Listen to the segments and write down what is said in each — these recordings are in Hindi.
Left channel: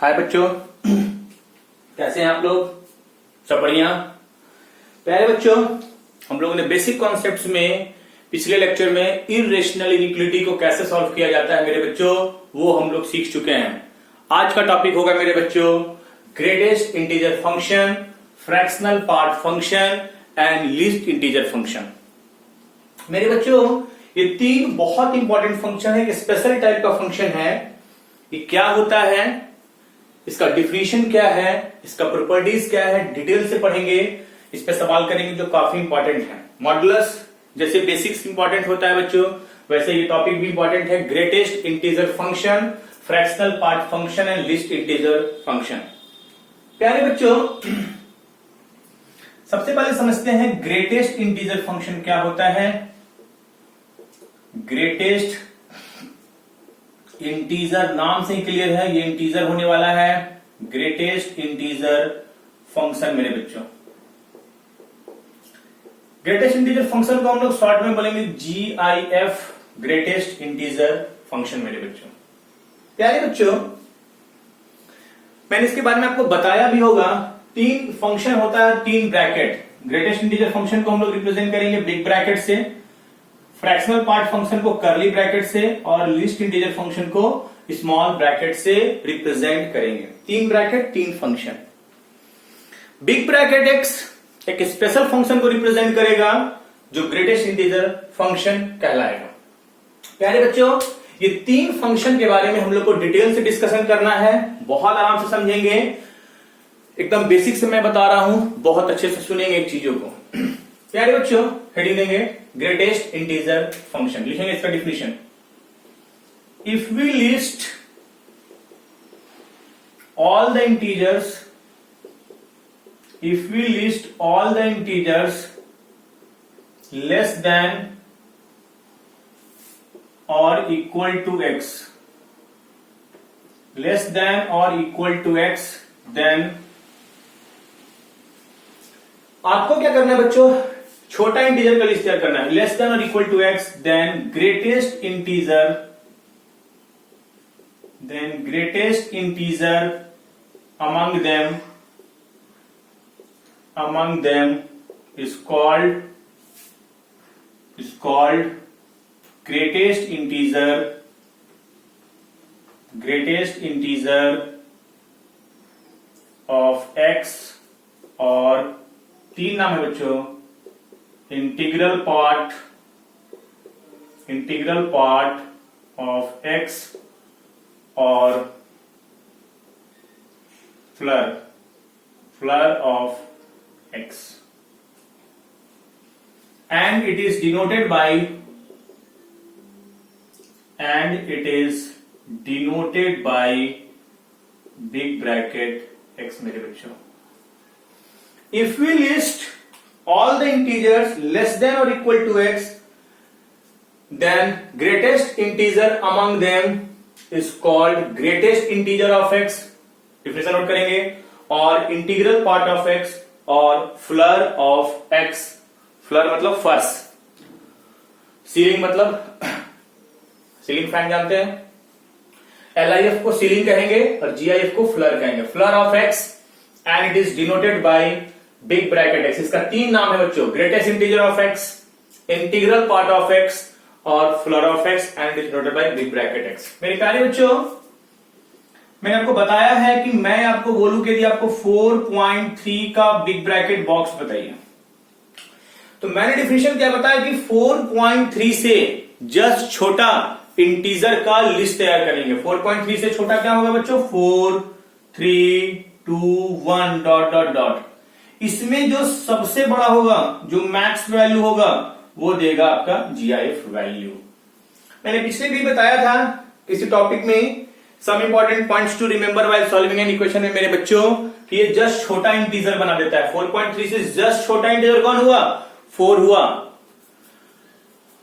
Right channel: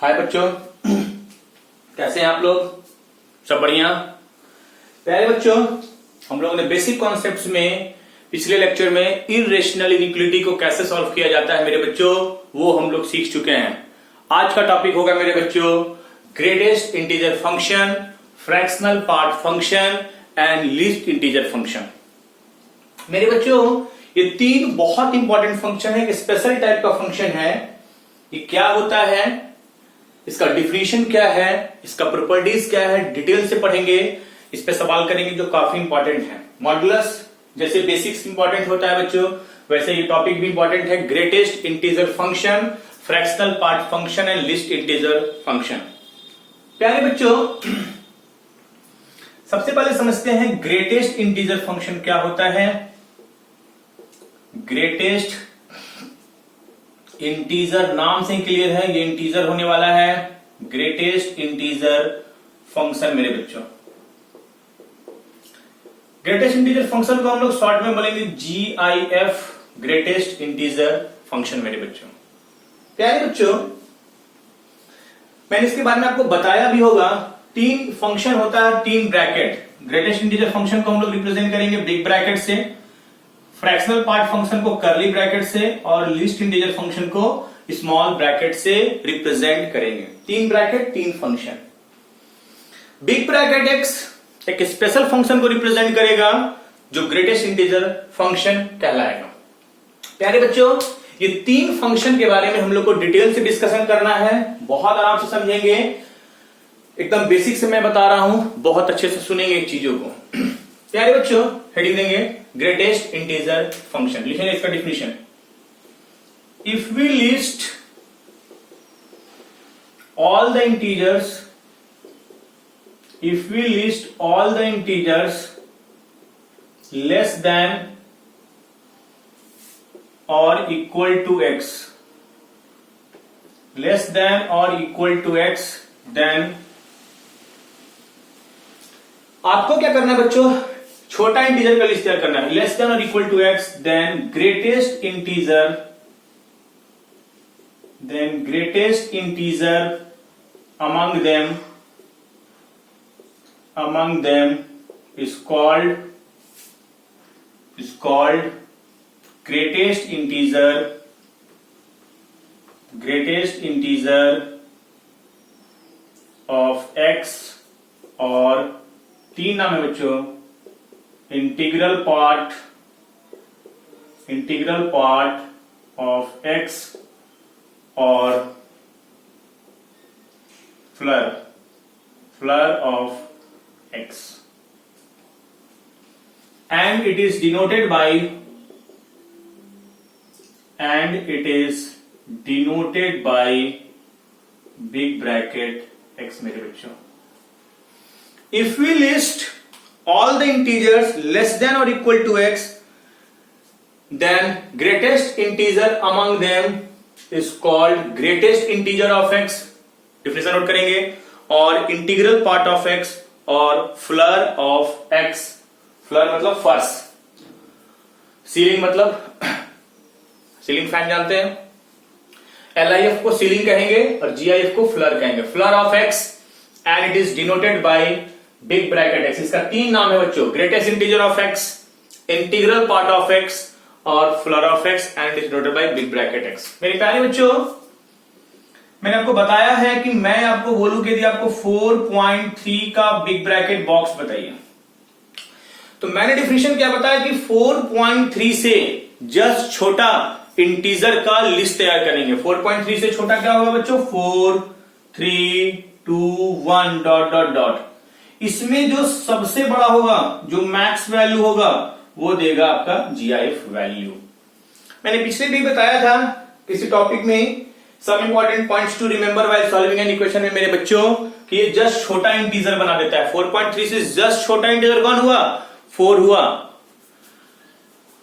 हाय बच्चों, कैसे हैं आप लोग? सब बढ़िया। प्यारे बच्चों, हम लोगों ने बेसिक कॉन्सेप्ट्स में पिछले लेक्चर में इर्रेशनल इनइक्वालिटी को कैसे सॉल्व किया जाता है मेरे बच्चों, वो हम लोग सीख चुके हैं। आज का टॉपिक होगा मेरे बच्चों greatest integer function, fractional part function and least integer function. मेरे बच्चों, ये तीन बहुत इंपॉर्टेंट फंक्शन है, एक स्पेशल टाइप का फंक्शन है। ये क्या होता है, इसका डिफिनीशन क्या है, इसका प्रॉपर्टीज क्या है, डिटेल से पढ़ेंगे। इस पे सवाल करेंगे जो काफी इंपॉर्टेंट है। मॉड्यूलस जैसे बेसिक्स इंपॉर्टेंट होता है बच्चों, वैसे ये टॉपिक भी इंपॉर्टेंट है। Greatest integer function, fractional part function and least integer function. प्यारे बच्चों, सबसे पहले समझते हैं ग्रेटेस्ट इंटीजर फंक्शन क्या होता है। ग्रेटेस्ट इंटीजर नाम से ही क्लियर है, ये इंटीजर होने वाला है। ग्रेटेस्ट इंटीजर फंक्शन मेरे बच्चों, ग्रेटेस्ट इंटीजर फंक्शन को हम लोग शॉर्ट में बोलेंगे GIF, ग्रेटेस्ट इंटीजर फंक्शन मेरे बच्चों। प्यारे बच्चों, मैंने इसके बारे में आपको बताया भी होगा। तीन फंक्शन होता है, तीन ब्रैकेट। ग्रेटेस्ट इंटीजर फंक्शन को हम लोग रिप्रेजेंट करेंगे बिग ब्रैकेट से, फ्रैक्शनल पार्ट फंक्शन को कर्ली ब्रैकेट से और लीस्ट इंटीजर फंक्शन को स्मॉल ब्रैकेट से रिप्रेजेंट करेंगे। तीन ब्रैकेट, तीन फंक्शन। बिग ब्रैकेट एक्स एक स्पेशल फंक्शन को रिप्रेजेंट करेगा जो ग्रेटेस्ट इंटीजर फंक्शन कहलाएगा। प्यारे बच्चों, ये तीन फंक्शन के बारे में हम लोग को डिटेल से डिस्कशन करना है। बहुत आराम से समझेंगे, एकदम बेसिक से मैं बता रहा हूं, बहुत अच्छे से सुनेंगे चीजों को। प्यारे बच्चों, हेडिंग देंगे ग्रेटेस्ट इंटीजर फंक्शन, लिखेंगे इसका definition. If we list all the integers, if we list all the integers less than or equal to x, less than or equal to x, then आपको क्या करना है बच्चों, छोटा इंटीजर का लिस्ट तैयार करना है। लेस देन और equal to x, then greatest integer among them is called greatest integer of x, और तीन नाम है बच्चों, इंटीग्रल पार्ट ऑफ x और floor of x, and it is denoted by big bracket x मेरे बच्चों। If we list all the integers less than or equal to x, then greatest integer among them is called greatest integer of x, definition note करेंगे, और इंटीग्रल पार्ट ऑफ x और फ्लर ऑफ एक्स। फ्लर मतलब फर्श, सीलिंग मतलब सीलिंग फैन जानते हैं। LIF को सीलिंग कहेंगे और GIF को फ्लर कहेंगे। Floor of x and it is denoted by big bracket x. इसका तीन नाम है बच्चों, greatest integer of x, integral part of x और floor of x, and it is denoted by big bracket x. मेरे प्यारे बच्चों, मैंने आपको बताया है कि मैं आपको बोलूं कि यदि आपको 4.3 का बिग ब्रैकेट बॉक्स बताइए, तो मैंने डिफिनेशन क्या बताया कि 4.3 से जस्ट छोटा इंटीजर का लिस्ट तैयार करेंगे। 4.3 से छोटा क्या होगा बच्चों, 4, 3, 2, 1 डॉट डॉट डॉट। इसमें जो सबसे बड़ा होगा, जो मैक्स वैल्यू होगा, वो देगा आपका GIF वैल्यू। मैंने पिछले भी बताया था किसी टॉपिक में, some important points to remember while solving an equation है मेरे बच्चों, कि ये जस्ट छोटा इंटीजर बना देता है। 4.3 से जस्ट छोटा इंटीजर कौन हुआ, 4 हुआ।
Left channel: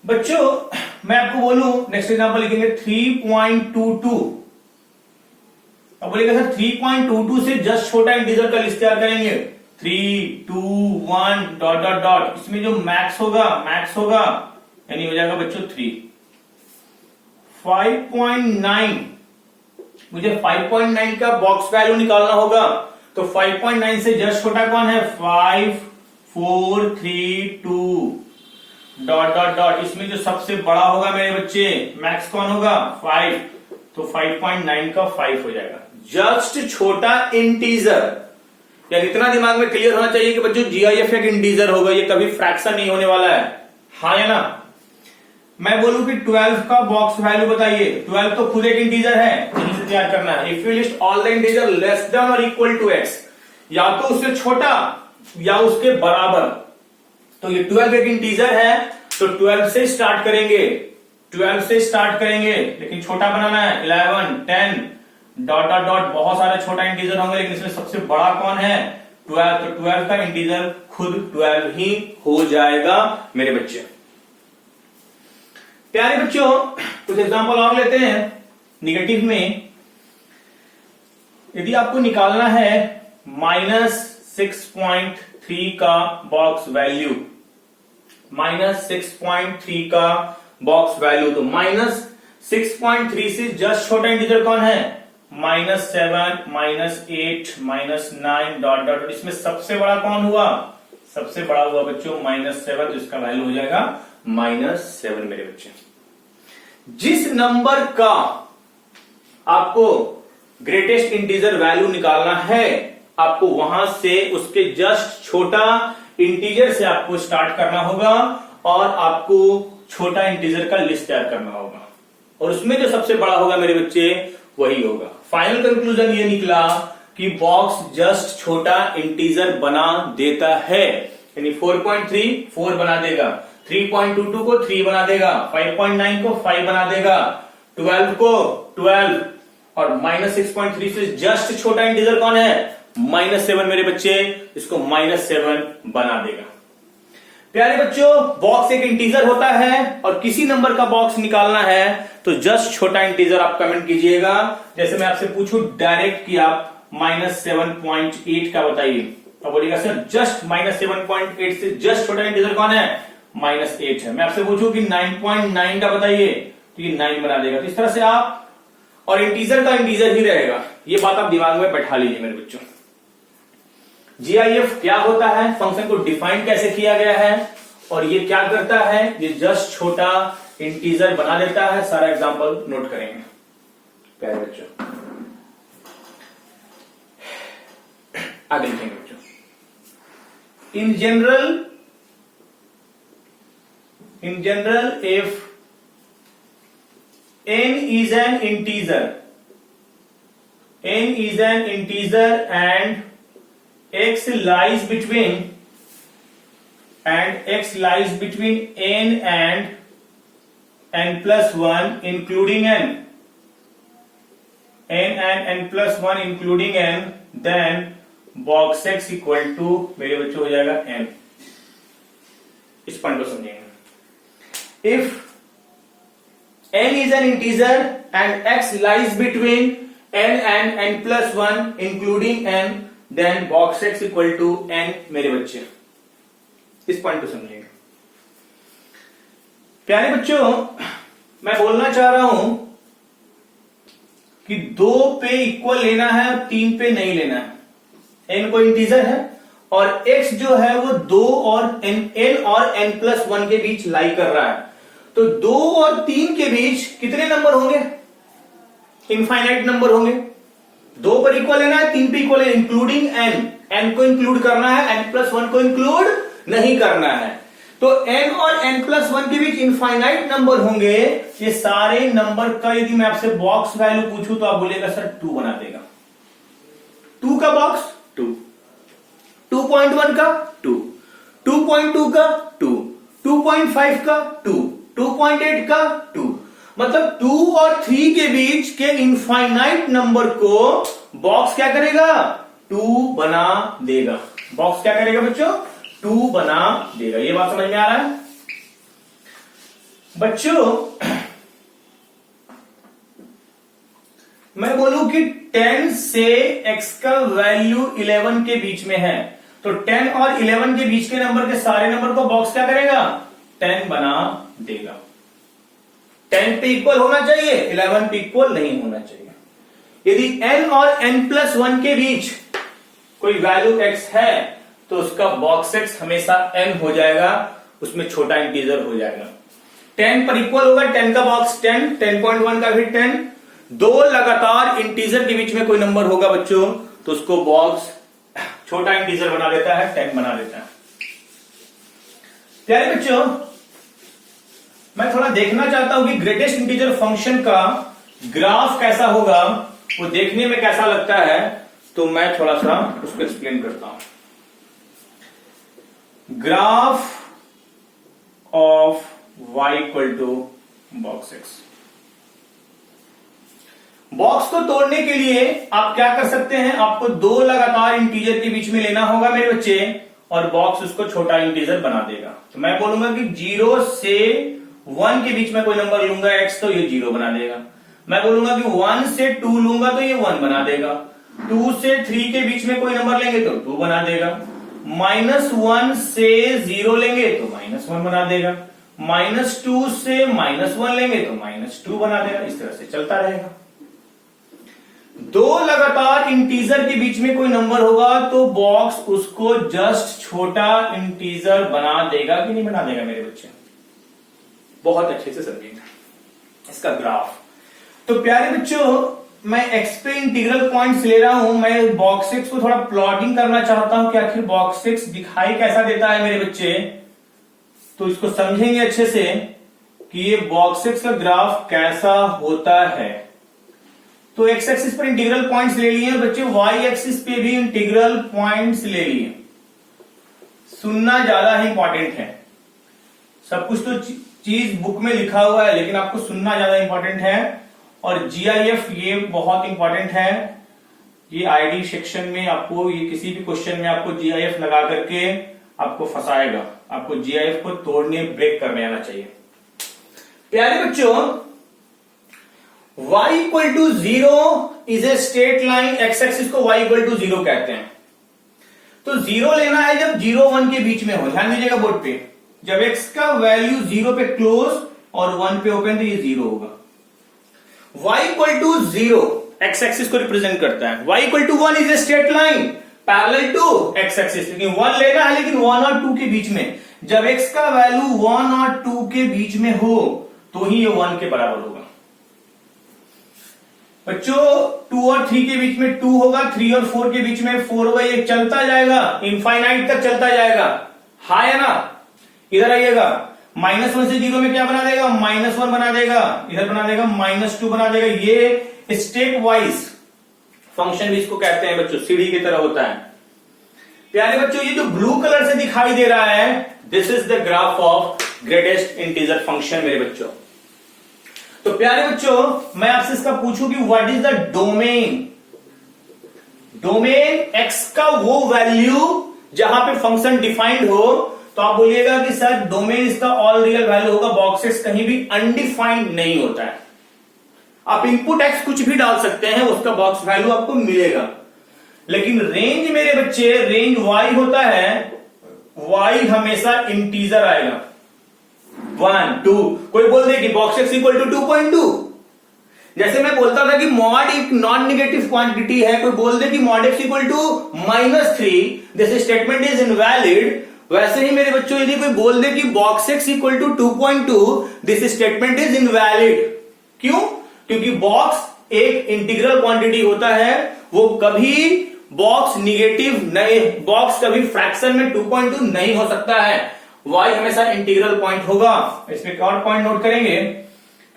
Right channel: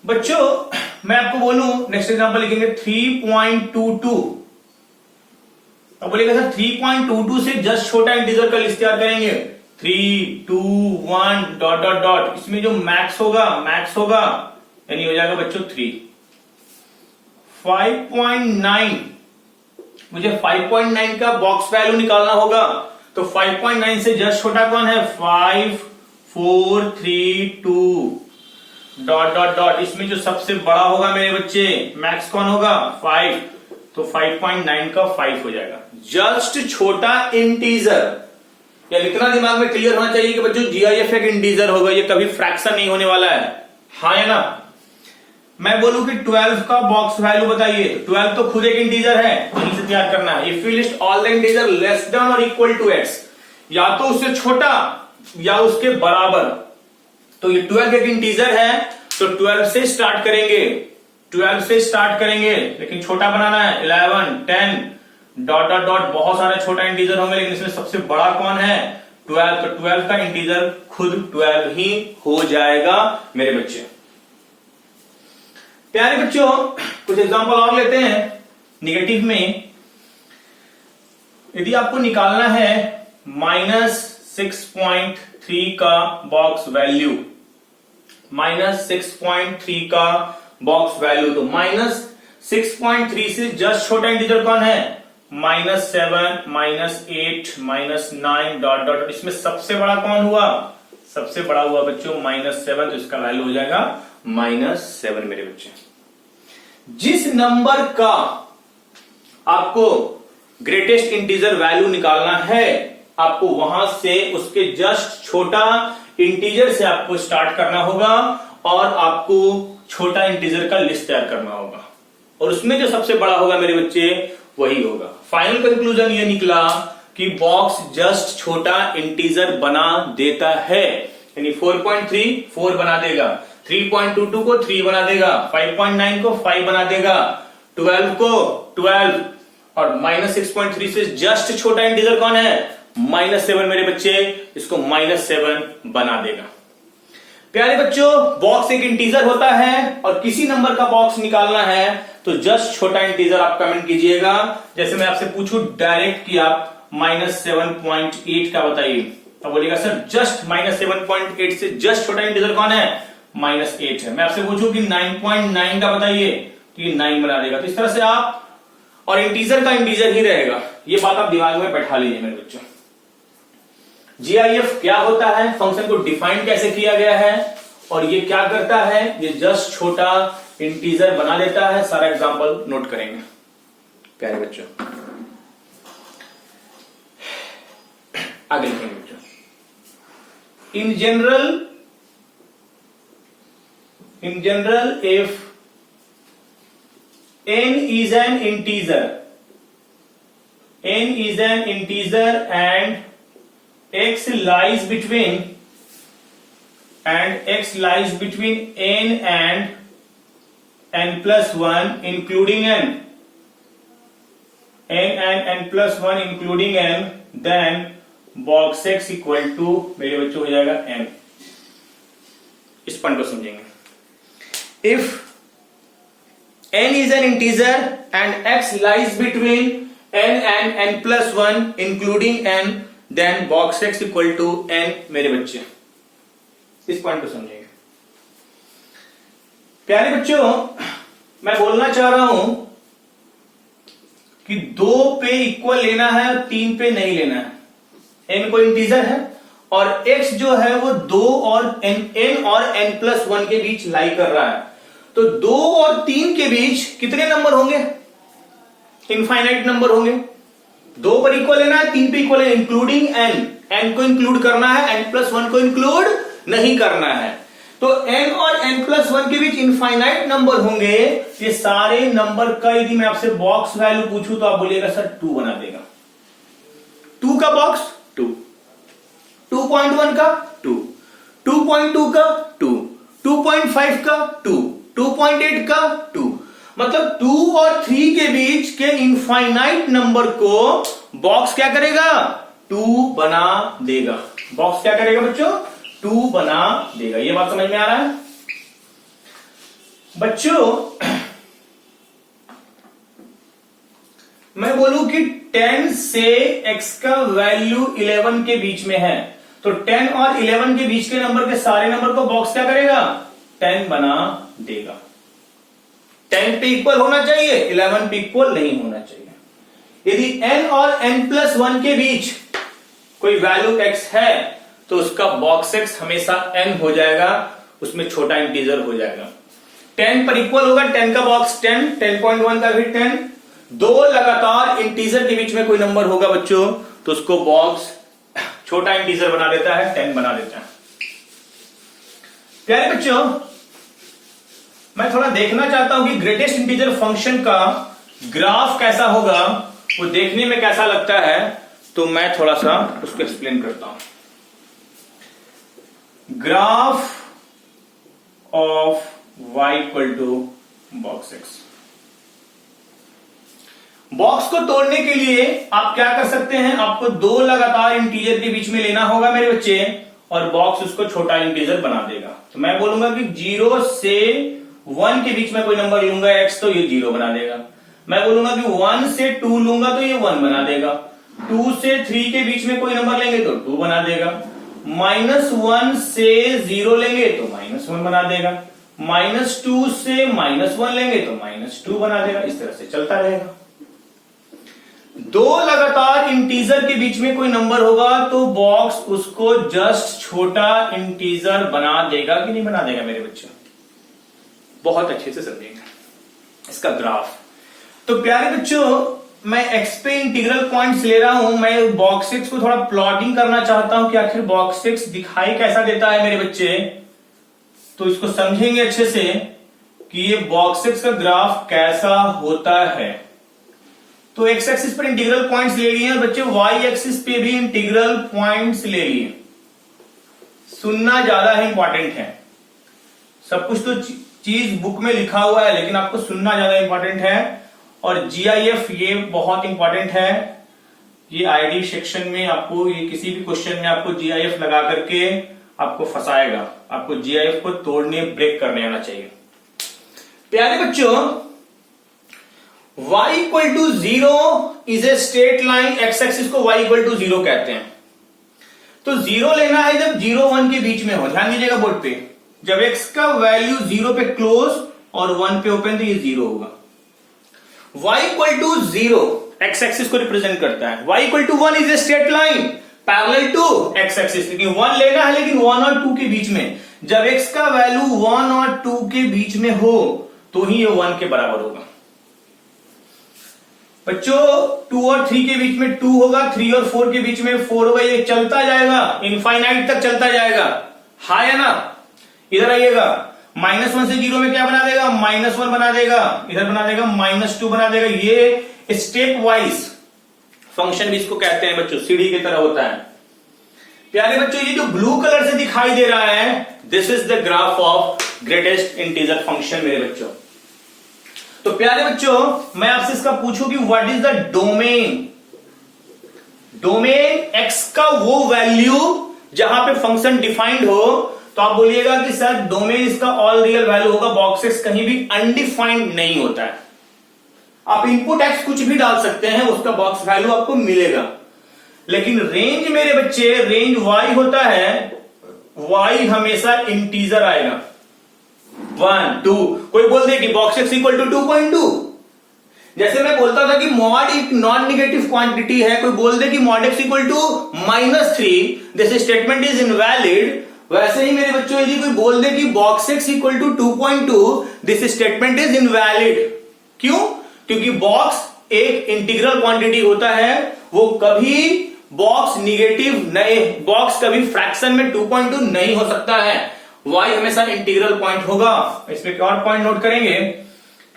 बच्चों, मैं आपको बोलूं, नेक्स्ट एग्जांपल लिखेंगे 3.22। अब बोलेगा सर 3.22 से जस्ट छोटा इंटीजर का लिस्ट तैयार करेंगे। 3, 2, 1 डॉट डॉट डॉट, इसमें जो मैक्स होगा यानी हो जाएगा बच्चों 3। 5.9 मुझे 5.9 का बॉक्स वैल्यू निकालना होगा। तो 5.9 से जस्ट छोटा कौन है? 5 4 3 2 डॉट डॉट डॉट। इसमें जो सबसे बड़ा होगा मेरे बच्चे, मैक्स कौन होगा? 5। तो 5.9 का 5 हो जाएगा। जस्ट छोटा इंटीजर, या इतना दिमाग में क्लियर होना चाहिए कि बच्चों जीआईएफ एक इंटीजर होगा, ये कभी फ्रैक्शन नहीं होने वाला है। हाँ या ना? मैं बोलूं कि 12 का बॉक्स वैल्यू बताइए, 12 तो खुद एक इंटीजर है, यहीं से तैयार करना है। If you list all the integer less than और इक्वल टू x, या तो उससे छोटा या उसके बराबर। तो ये 12 एक इंटीजर है, तो 12 से स्टार्ट करेंगे, 12 से स्टार्ट करेंगे, लेकिन छोटा बनाना है। 11 10 डॉट डॉट डॉट, बहुत सारे छोटा इंटीजर होंगे, लेकिन इसमें सबसे बड़ा कौन है? 12। तो 12 का इंटीजर खुद 12 ही हो जाएगा मेरे बच्चे। प्यारे बच्चों, कुछ एग्जांपल और लेते हैं निगेटिव में। यदि आपको निकालना है -6.3 का बॉक्स वैल्यू, -6.3 का बॉक्स वैल्यू, तो -6.3 से जस्ट छोटा इंटीजर कौन है? -7 -8 -9 डॉट डॉट। इसमें सबसे बड़ा कौन हुआ? सबसे बड़ा हुआ बच्चों -7, तो इसका वैल्यू हो जाएगा -7 मेरे बच्चे। जिस नंबर का आपको ग्रेटेस्ट इंटीजर वैल्यू निकालना है, आपको वहां से उसके जस्ट छोटा इंटीजर से आपको स्टार्ट करना होगा और आपको छोटा इंटीजर का लिस्ट तैयार करना होगा, और उसमें जो सबसे बड़ा होगा मेरे बच्चे वही होगा। फाइनल कंक्लूजन ये निकला कि बॉक्स जस्ट छोटा इंटीजर बना देता है, यानी 4.3 4 बना देगा, 3.22 को 3 बना देगा, 5.9 को 5 बना देगा, 12 को 12, और -6.3 से जस्ट छोटा इंटीजर कौन है? -7 मेरे बच्चे, इसको -7 बना देगा। प्यारे बच्चों, बॉक्स एक इंटीजर होता है और किसी नंबर का बॉक्स निकालना है तो जस्ट छोटा इंटीजर आप कमेंट कीजिएगा। जैसे मैं आपसे पूछूं डायरेक्ट कि आप -7.8 का बताइए, तो बोलिएगा सर जस्ट -7.8 से जस्ट छोटा इंटीजर कौन है? -8 है। मैं आपसे पूछूं कि 9.9 का बताइए, तो ये 9 बना देगा। तो इस तरह से आप, और इंटीजर का इंटीजर ही रहेगा, ये बात आप दिमाग में बैठा लीजिए मेरे बच्चों। जीआईएफ क्या होता है, फंक्शन को डिफाइन कैसे किया गया है, और ये क्या करता है? ये जस्ट छोटा इंटीजर बना देता है। सारा एग्जांपल नोट करेंगे प्यारे बच्चों। आगे लिखेंगे बच्चों। In general if n is an integer and x lies between n and n plus 1 including n plus 1 including n, then box x equal to मेरे बच्चों हो जाएगा n। इस पॉइंट को समझेंगे। If n is an integer and x lies between n and n plus 1 including n, then box x equal to n मेरे बच्चे। इस पॉइंट को समझिएगा। प्यारे बच्चों, मैं बोलना चाह रहा हूं कि 2 पे इक्वल लेना है और 3 पे नहीं लेना है। n कोई इंटीजर है और x जो है वो 2 और n और n प्लस 1 के बीच लाई कर रहा है। तो 2 और 3 के बीच कितने नंबर होंगे? इनफाइनाइट नंबर होंगे। 2 पर इक्वल लेना है, 3 पे इक्वल है, इंक्लूडिंग n को इंक्लूड करना है, n प्लस 1 को इंक्लूड नहीं करना है। तो n और n प्लस 1 के बीच इनफाइनाइट नंबर होंगे। ये सारे नंबर का यदि मैं आपसे बॉक्स वैल्यू पूछूं तो आप बोलेगा सर 2 बना देगा। 2 का बॉक्स 2, 2.1 का 2, 2.2 का 2, 2.5 का 2, 2.8 का 2, मतलब 2 और 3 के बीच के इनफाइनाइट नंबर को बॉक्स क्या करेगा? 2 बना देगा। बॉक्स क्या करेगा बच्चों? 2 बना देगा। ये बात समझ में आ रहा है बच्चों? मैं बोलूं कि 10 से x का वैल्यू 11 के बीच में है, तो 10 और 11 के बीच के नंबर के सारे नंबर को बॉक्स क्या करेगा? 10 बना देगा। 10 पे इक्वल होना चाहिए, 11 पे इक्वल नहीं होना चाहिए। यदि n और n+1 के बीच कोई वैल्यू x है तो उसका बॉक्स x हमेशा n हो जाएगा, उसमें छोटा इंटीजर हो जाएगा। 10 पर इक्वल होगा, 10 का बॉक्स 10, 10.1 का भी 10। दो लगातार इंटीजर के बीच में कोई नंबर होगा बच्चों तो उसको बॉक्स छोटा इंटीजर बना देता है, 10 बना देता है। प्यारे बच्चों, मैं थोड़ा देखना चाहता हूं कि ग्रेटेस्ट इंटीजर फंक्शन का ग्राफ कैसा होगा, वो देखने में कैसा लगता है, तो मैं थोड़ा सा उसको एक्सप्लेन करता हूं। Graph of y equal to box x। Box को तोड़ने के लिए आप क्या कर सकते हैं, आपको दो लगातार इंटीजर के बीच में लेना होगा मेरे बच्चे, और बॉक्स उसको छोटा इंटीजर बना देगा। तो मैं बोलूंगा कि 0 से 1 के बीच में कोई नंबर लूंगा x तो ये 0 बना देगा। मैं बोलूंगा कि 1 से 2 लूंगा तो ये 1 बना देगा। 2 से 3 के बीच में कोई नंबर लेंगे तो 2 बना देगा। -1 से 0 लेंगे तो -1 बना देगा। -2 से -1 लेंगे तो -2 बना देगा। इस तरह से चलता रहेगा। दो लगातार इंटीजर के बीच में कोई नंबर होगा तो बॉक्स उसको जस्ट छोटा इंटीजर बना देगा कि नहीं बना देगा मेरे बच्चे? बहुत अच्छे से समझिएगा इसका ग्राफ। तो प्यारे बच्चों, मैं x पे इंटीग्रल पॉइंट्स ले रहा हूं। मैं बॉक्स x को थोड़ा प्लॉटिंग करना चाहता हूं कि आखिर बॉक्स x दिखाई कैसा देता है मेरे बच्चे। तो इसको समझेंगे अच्छे से कि ये बॉक्स x का ग्राफ कैसा होता है। तो x एक्सिस पर इंटीग्रल पॉइंट्स ले लिए बच्चे, y एक्सिस पे भी इंटीग्रल पॉइंट्स ले लिए। सुनना ज्यादा ही इंपॉर्टेंट है। सब कुछ तो चीज बुक में लिखा हुआ है, लेकिन आपको सुनना ज्यादा इंपॉर्टेंट है। और GIF ये बहुत इंपॉर्टेंट है। ये आईडी सेक्शन में आपको, ये किसी भी क्वेश्चन में आपको GIF लगा करके आपको फंसाएगा। आपको GIF को तोड़ने, ब्रेक करने आना चाहिए। प्यारे बच्चों, y equal to 0 is a straight line. x axis को y इक्वल टू 0 कहते हैं। तो 0 लेना है जब 0 1 के बीच में हो। ध्यान दीजिएगा बोर्ड पे, जब x का वैल्यू 0 पे क्लोज और 1 पे ओपन तो ये 0 होगा। y equal to 0 x axis को रिप्रेजेंट करता है। y equal to 1 is a straight line parallel to x axis. क्योंकि 1 लेना है लेकिन 1 और 2 के बीच में। जब x का वैल्यू 1 और 2 के बीच में हो तो ही ये 1 के बराबर होगा। बच्चों 2 और 3 के बीच में 2 होगा, 3 और 4 के बीच में 4 होगा। ये चलता जाएगा, इनफाइनाइट तक चलता जाएगा। हाँ है ना? इधर आइएगा, -1 से 0 में क्या बना देगा? -1 बना देगा। इधर बना देगा -2 बना देगा। ये स्टेप वाइज फंक्शन भी इसको कहते हैं बच्चों, सीढ़ी की तरह होता है। प्यारे बच्चों, ये जो ब्लू कलर से दिखाई दे रहा है, this is the graph of greatest integer function मेरे बच्चों। तो प्यारे बच्चों, मैं आपसे इसका पूछूं कि what is the domain. Domain x का वो वैल्यू जहां पे फंक्शन डिफाइंड हो, तो आप बोलिएगा कि सर डोमेन इसका ऑल रियल वैल्यू होगा। बॉक्स x कहीं भी अनडिफाइंड नहीं होता है। आप इनपुट x कुछ भी डाल सकते हैं, उसका बॉक्स वैल्यू आपको मिलेगा। लेकिन रेंज मेरे बच्चे, रेंज y होता है, y हमेशा इंटीजर आएगा। 1 2, कोई बोल दे कि बॉक्स x इक्वल टू 2.2। जैसे मैं बोलता था कि मॉड एक नॉन निगेटिव क्वांटिटी है, कोई बोल दे कि mod x equal to -3, this statement is invalid. वैसे ही मेरे बच्चों, यदि कोई बोल दे कि box x equal to 2.2, this statement is invalid. क्यों? क्योंकि बॉक्स एक इंटीग्रल क्वांटिटी होता है, वो कभी बॉक्स निगेटिव नहीं, बॉक्स कभी फ्रैक्शन में 2.2 नहीं हो सकता है। y हमेशा इंटीग्रल पॉइंट होगा। इसमें एक और पॉइंट नोट करेंगे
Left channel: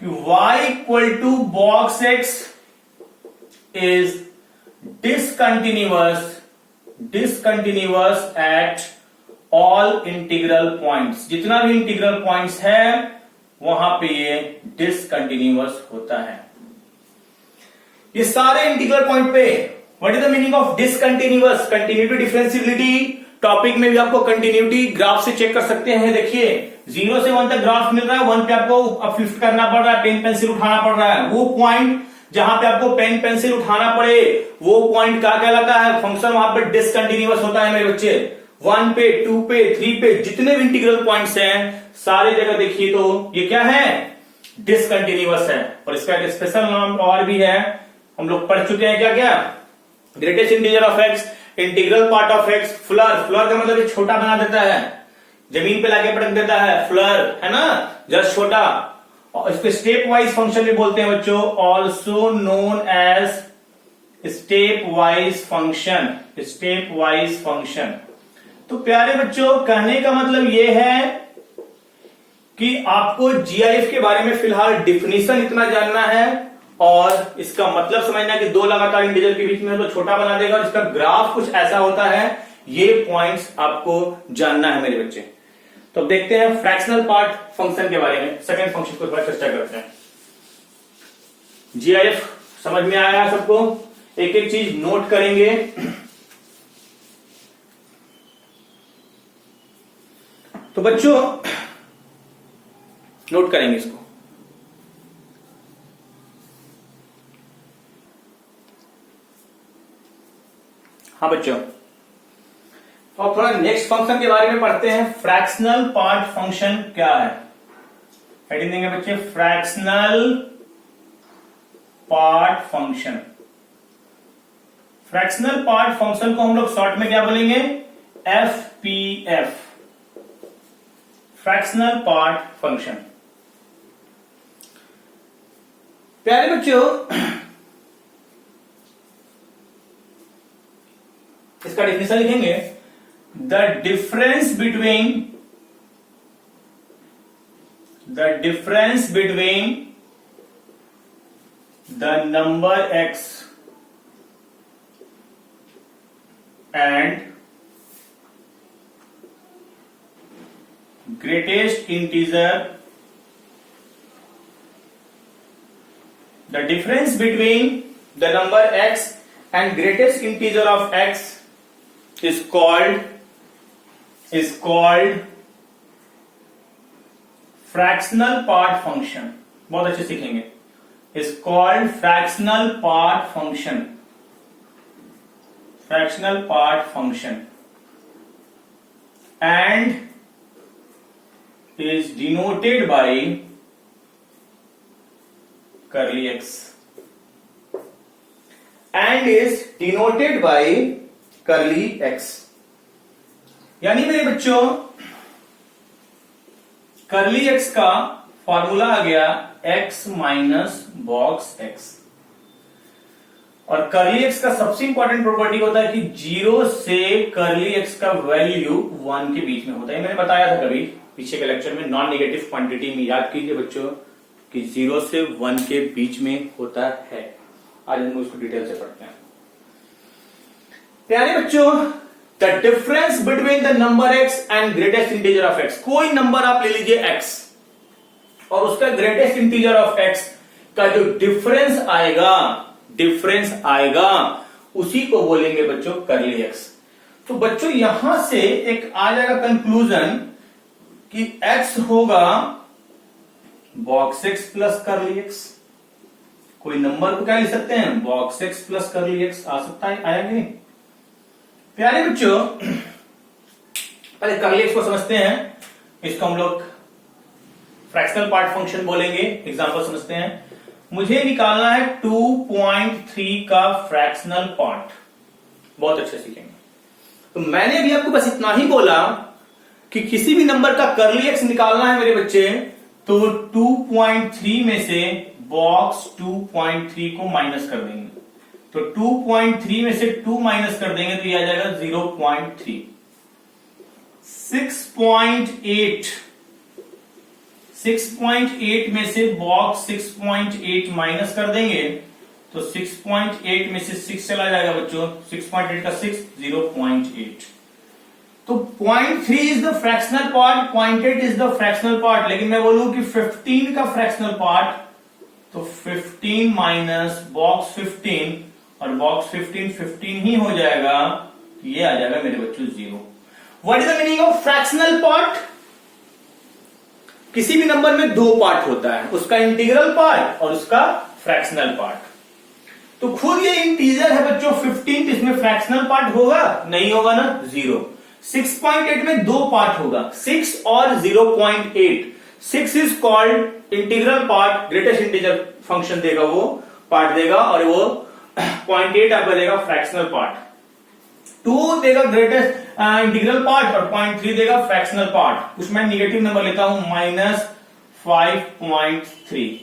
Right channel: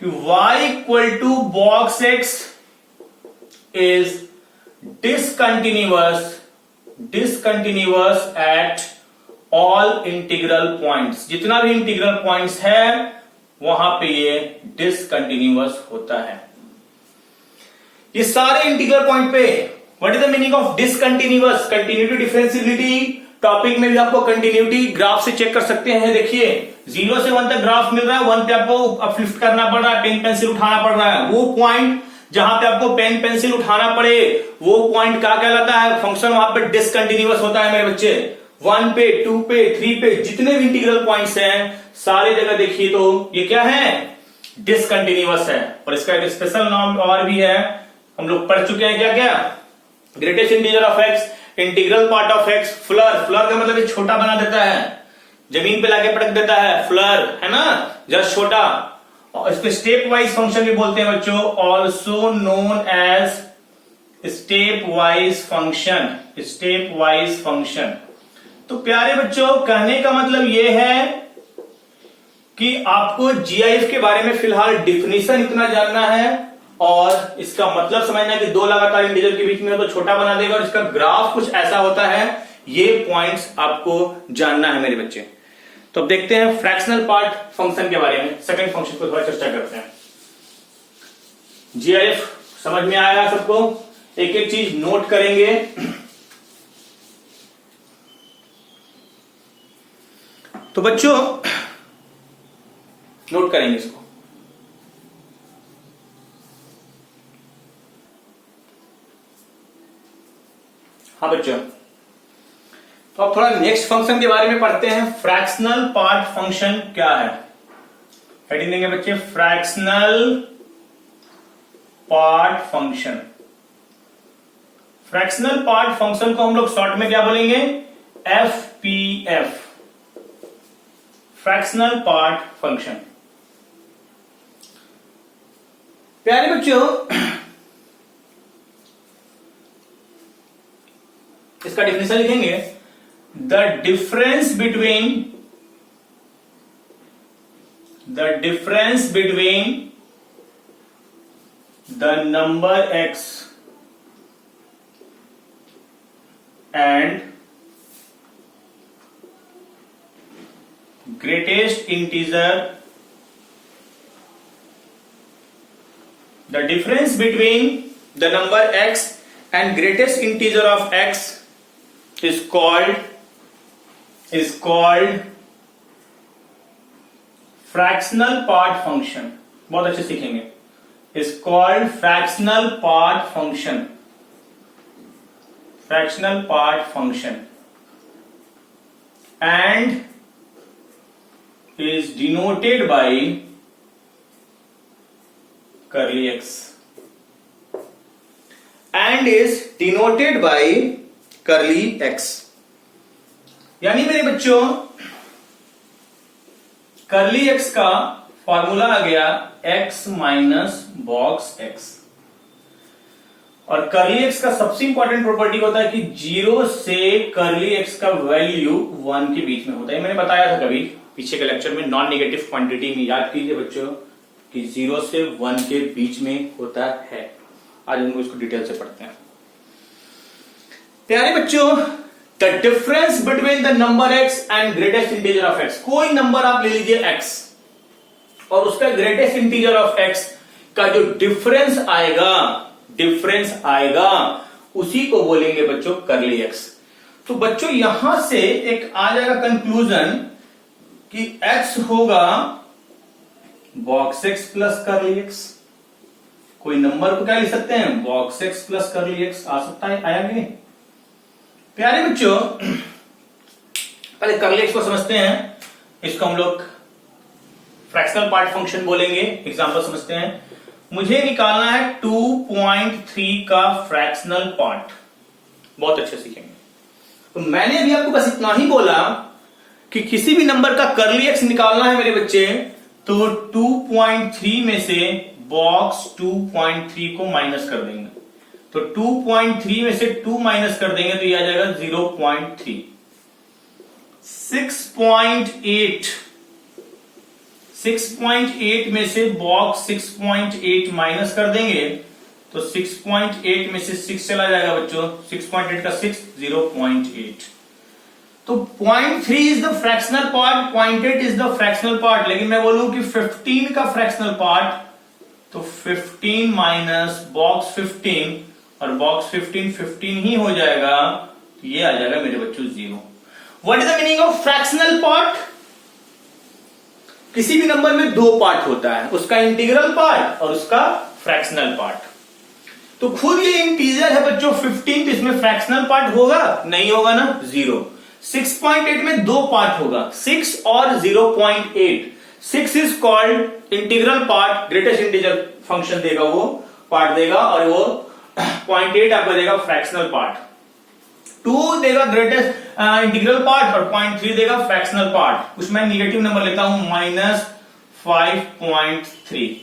कि y equal to box x is discontinuous at all integral points. जितना भी इंटीग्रल पॉइंट्स है वहां पे ये डिसकंटिन्यूअस होता है। ये सारे इंटीग्रल पॉइंट पे what is the meaning of discontinuous? Continuity, differentiability topic में भी आपको कंटिन्यूटी ग्राफ से चेक कर सकते हैं। देखिए 0 से 1 तक ग्राफ मिल रहा है, 1 पे आपको अपलिफ्ट करना पड़ रहा है, पेन पेंसिल उठाना पड़ रहा है। वो पॉइंट जहां पे आपको पेन पेंसिल उठाना पड़े, वो पॉइंट क्या कहलाता है? फंक्शन वहां पे डिसकंटिन्यूअस होता है मेरे बच्चे। 1 पे, 2 पे, 3 पे, जितने भी इंटीग्रल पॉइंट्स हैं सारे जगह देखिए तो ये क्या है? डिसकंटिन्यूअस है। और इसका एक स्पेशल नाम और भी है, हम लोग पढ़ चुके हैं क्या क्या, greatest integer of x, integral part of x, flower, flower का मतलब ये छोटा बना देता है, जमीन पे लाके पटक देता है, फ्लर है ना, जस्ट छोटा। और इसको स्टेप वाइज फंक्शन भी बोलते हैं बच्चों, also known as step wise function, step wise function. तो प्यारे बच्चों कहने का मतलब यह है कि आपको जीआईएफ के बारे में फिलहाल डिफिनेशन इतना जानना है और इसका मतलब समझना है कि दो लगातार इंटीजर के बीच में तो छोटा बना देगा और इसका ग्राफ कुछ ऐसा होता है, ये पॉइंट्स आपको जानना है मेरे बच्चे। तो अब देखते हैं फ्रैक्शनल पार्ट फंक्शन के बारे में, सेकंड फंक्शन को थोड़ा चर्चा करते हैं। जीआईएफ समझ में आया सबको, एक एक चीज नोट करेंगे। तो बच्चों नोट करेंगे इसको। हाँ बच्चों, तो अब थोड़ा नेक्स्ट फंक्शन के बारे में पढ़ते हैं। फ्रैक्शनल पार्ट फंक्शन क्या है, हेडिंग देंगे बच्चे fractional part function. Fractional part function को हम लोग शॉर्ट में क्या बोलेंगे, एफपीएफ, फ्रैक्शनल पार्ट फंक्शन। प्यारे बच्चों इसका डेफिनेशन लिखेंगे, the difference between the number x and greatest integer, the difference between the number x and greatest integer of x is called fractional part function। बहुत अच्छे सीखेंगे, is called fractional part function, fractional part function and is denoted by curly x, and is denoted by curly x। यानी मेरे बच्चों curly x का फॉर्मूला आ गया x माइनस बॉक्स x, और curly x का सबसे इंपॉर्टेंट प्रॉपर्टी होता है कि 0 से curly x का वैल्यू 1 के बीच में होता है। मैंने बताया था कभी पीछे के लेक्चर में, नॉन नेगेटिव क्वांटिटी में, याद कीजिए बच्चों कि 0 से 1 के बीच में होता है। आज हम इसको डिटेल से पढ़ते हैं। प्यारे बच्चों, the difference between the number x and greatest integer of x, कोई नंबर आप ले लीजिए x और उसका ग्रेटेस्ट इंटीजर ऑफ x का जो डिफरेंस आएगा उसी को बोलेंगे बच्चों कर्ली x। तो बच्चों यहां से एक आ जाएगा कंक्लूजन कि x होगा box x plus curly x। कोई नंबर को क्या लिख सकते हैं, box x plus curly x आ सकता है, आया नहीं? प्यारे बच्चों पहले कर्ली x को समझते हैं, इसको हम लोग फ्रैक्शनल पार्ट फंक्शन बोलेंगे। एग्जांपल समझते हैं, मुझे निकालना है 2.3 का फ्रैक्शनल पार्ट। बहुत अच्छे सीखेंगे। तो मैंने अभी आपको बस इतना ही बोला कि किसी भी नंबर का कर्ली x निकालना है मेरे बच्चे, तो 2.3 में से बॉक्स 2.3 को माइनस कर देंगे, तो 2.3 में से 2 माइनस कर देंगे तो ये आ जाएगा 0.3। 6.8 में से बॉक्स 6.8 माइनस कर देंगे तो 6.8 में से 6 चला जाएगा बच्चों, 6.8 का 6 0.8। तो 0.3 is the fractional part, 0.8 is the fractional part. लेकिन मैं बोलूं कि 15 का फ्रैक्शनल पार्ट, तो 15 माइनस बॉक्स 15, और बॉक्स 15 ही हो जाएगा, तो ये आ जाएगा मेरे बच्चों 0। What is the meaning of fractional part? किसी भी नंबर में दो पार्ट होता है, उसका इंटीग्रल पार्ट और उसका फ्रैक्शनल पार्ट। तो खुद ये इंटीजर है बच्चों 15, तो इसमें फ्रैक्शनल पार्ट होगा? नहीं होगा ना, 0। 6.8 में दो पार्ट होगा, 6 और 0.8। 6 is called integral part, greatest integer function देगा, वो पार्ट देगा, और वो 0.8 आपका देगा फ्रैक्शनल पार्ट, 2 देगा ग्रेटेस्ट इंटीग्रल पार्ट और 0.3 देगा फ्रैक्शनल पार्ट। कुछ मैं निगेटिव नंबर लेता हूं -5.3।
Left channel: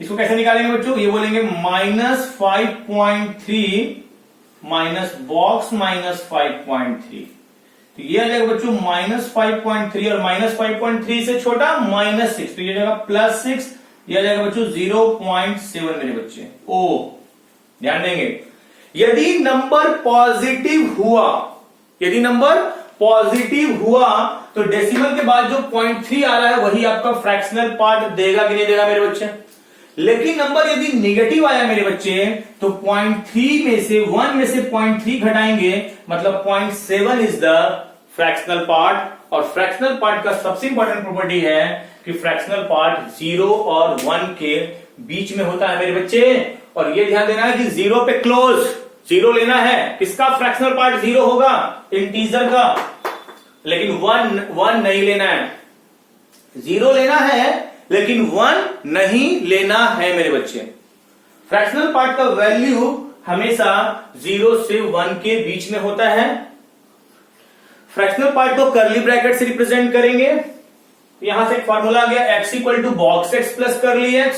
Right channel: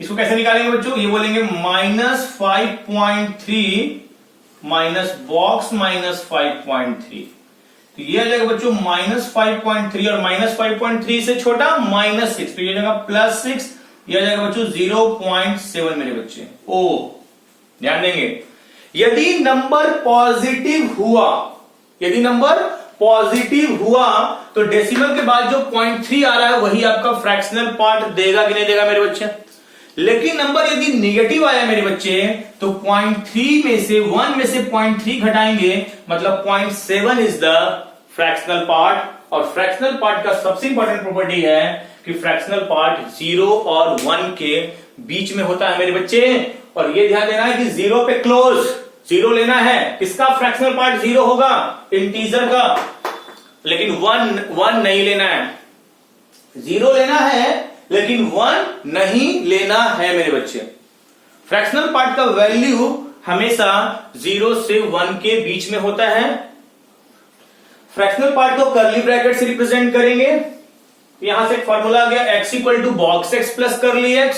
इसको कैसे निकालेंगे बच्चों? ये बोलेंगे -5.3 माइनस बॉक्स -5.3, तो ये आ जाएगा बच्चों -5.3 और -5.3 से छोटा -6, तो ये जाएगा +6, ये आ जाएगा बच्चों 0.7 मेरे बच्चे। ओ ध्यान देंगे, यदि नंबर पॉजिटिव हुआ, यदि नंबर पॉजिटिव हुआ तो डेसिमल के बाद जो 0.3 आ रहा है वही आपका फ्रैक्शनल पार्ट देगा कि नहीं देगा मेरे बच्चे। लेकिन नंबर यदि नेगेटिव आया मेरे बच्चे तो 0.3 में से 1 में से 0.3 घटाएंगे, मतलब 0.7 इज द फ्रैक्शनल पार्ट। और फ्रैक्शनल पार्ट का सबसे इंपॉर्टेंट प्रॉपर्टी है कि फ्रैक्शनल पार्ट 0 और 1 के बीच में होता है मेरे बच्चे। और ये ध्यान देना है कि 0 पे क्लोज, 0 लेना है, किसका फ्रैक्शनल पार्ट 0 होगा? इंटीजर का। लेकिन 1 नहीं लेना है, 0 लेना है लेकिन 1 नहीं लेना है मेरे बच्चे। फ्रैक्शनल पार्ट का वैल्यू हमेशा 0 से 1 के बीच में होता है। फ्रैक्शनल पार्ट को कर्ली ब्रैकेट से रिप्रेजेंट करेंगे। यहां से एक फॉर्मूला आ गया, x equal to box x plus curly x।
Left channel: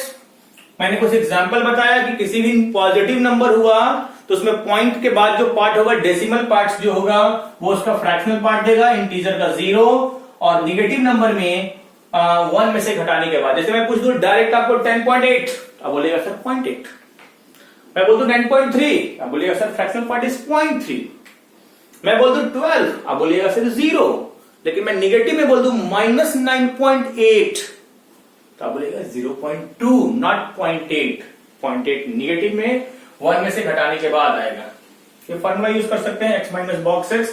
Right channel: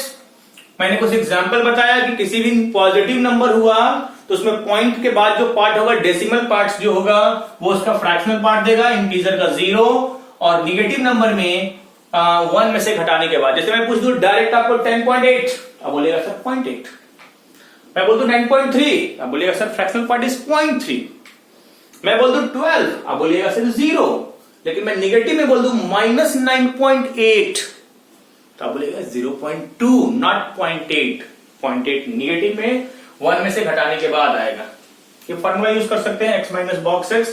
मैंने कुछ एग्जांपल बताया कि किसी भी पॉजिटिव नंबर हुआ तो उसमें पॉइंट के बाद जो पार्ट होगा, डेसिमल पार्ट जो होगा वो उसका फ्रैक्शनल पार्ट देगा, इंटीजर का 0। और निगेटिव नंबर में 1 में से घटाने के बाद, जैसे मैं पूछ दूं डायरेक्ट आपको 10.8, अब बोलेगा सर 0.8। मैं बोल दूं 9.3, अब बोलेगा सर फ्रैक्शनल पार्ट इज 0.3। मैं बोल दूं 12, अब बोलेगा सर 0। लेकिन मैं निगेटिव में बोल दूं -9.8, तो अब बोलेगा 0.2 नॉट 0.8। 0.8 निगेटिव में 1 में से घटाने के बाद आएगा। ये फॉर्मूला यूज कर सकते हैं x माइनस बॉक्स x,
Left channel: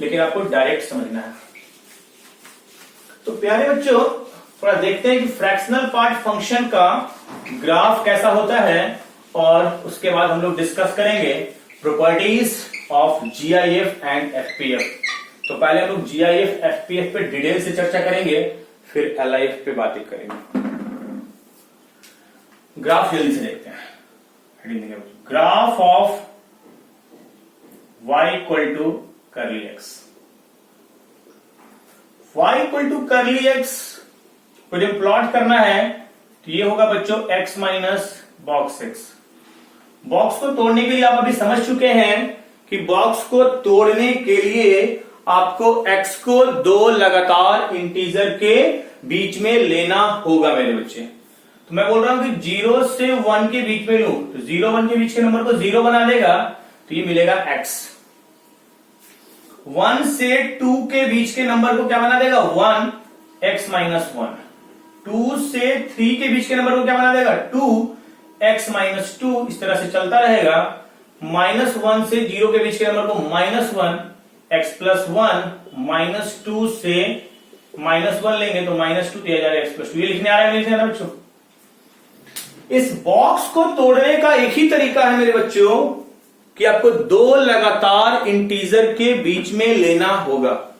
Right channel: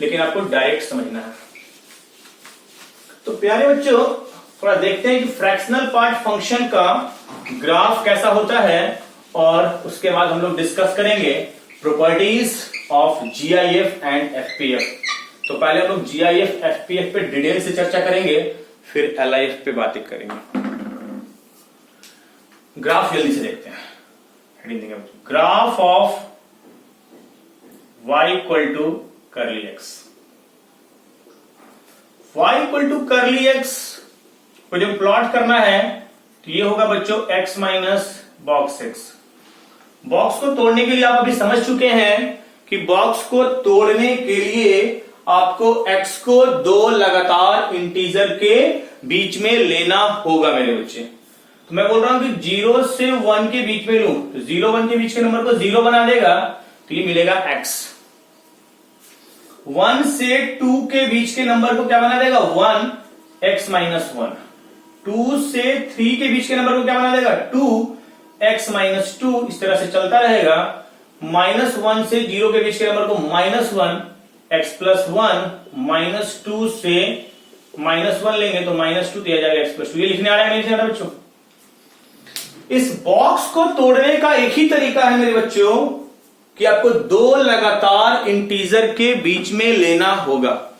लेकिन आपको डायरेक्ट समझना है। तो प्यारे बच्चों थोड़ा देखते हैं कि फ्रैक्शनल पार्ट फंक्शन का ग्राफ कैसा होता है, और उसके बाद हम लोग डिस्कस करेंगे प्रॉपर्टीज ऑफ जीआईएफ एंड एफपीएफ। तो पहले हम लोग जीआईएफ एफपीएफ पे डिटेल से चर्चा करेंगे, फिर एलआईएफ पे बातें करेंगे। ग्राफ जल्दी से देखते हैं। Graph of y equal to curly x। y equal to curly x को जब प्लॉट करना है तो ये होगा बच्चों x minus box x। Box को तोड़ने के लिए आप अभी समझ चुके हैं कि बॉक्स को तोड़ने के लिए आपको x को 2 लगातार इंटीजर के बीच में लेना होगा मेरे बच्चे। तो मैं बोल रहा हूं कि 0 से 1 के बीच में लूं तो 0 1 के बीच के नंबर को 0 बना देगा, तो ये मिलेगा x। 1 से 2 के बीच के नंबर को क्या बना देगा? 1 x माइनस 1। 2 से 3 के बीच के नंबर को क्या बना देगा? 2 x माइनस 2। इस तरह से चलता रहेगा। -1 से 0 के बीच के नंबर को -1 x प्लस 1, -2 से -1 लेंगे तो -2 दिया जाएगा x प्लस 2। ये लिखने आ रहा है नहीं जाना बच्चों? इस बॉक्स को तोड़ने का एक ही तरीका है मेरे बच्चों कि आपको 2 लगातार इंटीजर के बीच में लेना होगा,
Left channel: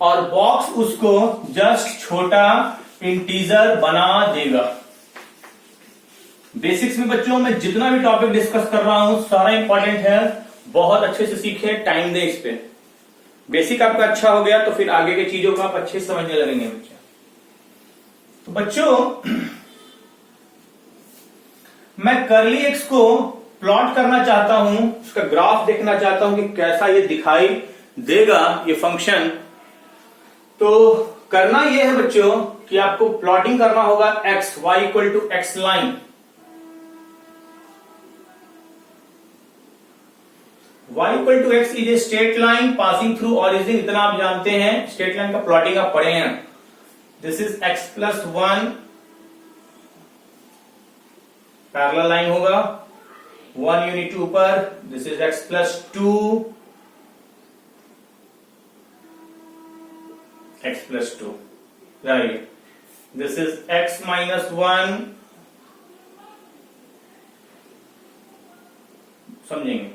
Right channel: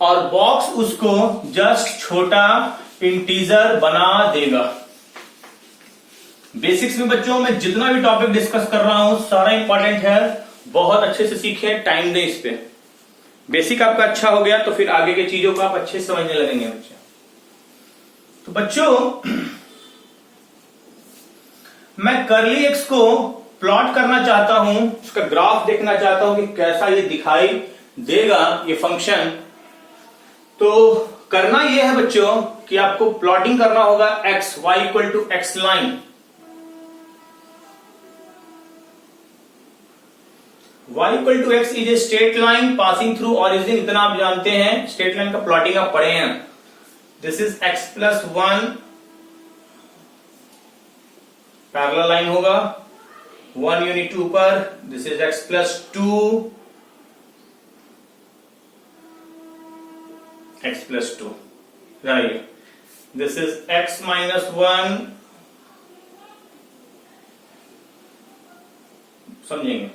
और बॉक्स उसको जस्ट छोटा इंटीजर बना देगा। बेसिक्स में बच्चों मैं जितना भी टॉपिक डिस्कस कर रहा हूं सारा इंपॉर्टेंट है, बहुत अच्छे से सीखे, टाइम दें इस पे। बेसिक आपका अच्छा हो गया तो फिर आगे की चीजों को आप अच्छे से समझने लगेंगे बच्चे। तो बच्चों मैं कर्ली एक्स को प्लॉट करना चाहता हूं, उसका ग्राफ देखना चाहता हूं कि कैसा ये दिखाई देगा ये फंक्शन। तो करना ये है बच्चों कि आपको प्लॉटिंग करना होगा x, y equal to x line. y equal to x is a straight line passing through origin. इतना आप जानते हैं, स्ट्रेट लाइन का प्लॉटिंग आप पढ़े हैं। This is x plus 1 parallel line होगा, 1 यूनिट ऊपर। This is x plus 2 x plus 2, right. This is x minus 1, समझेंगे।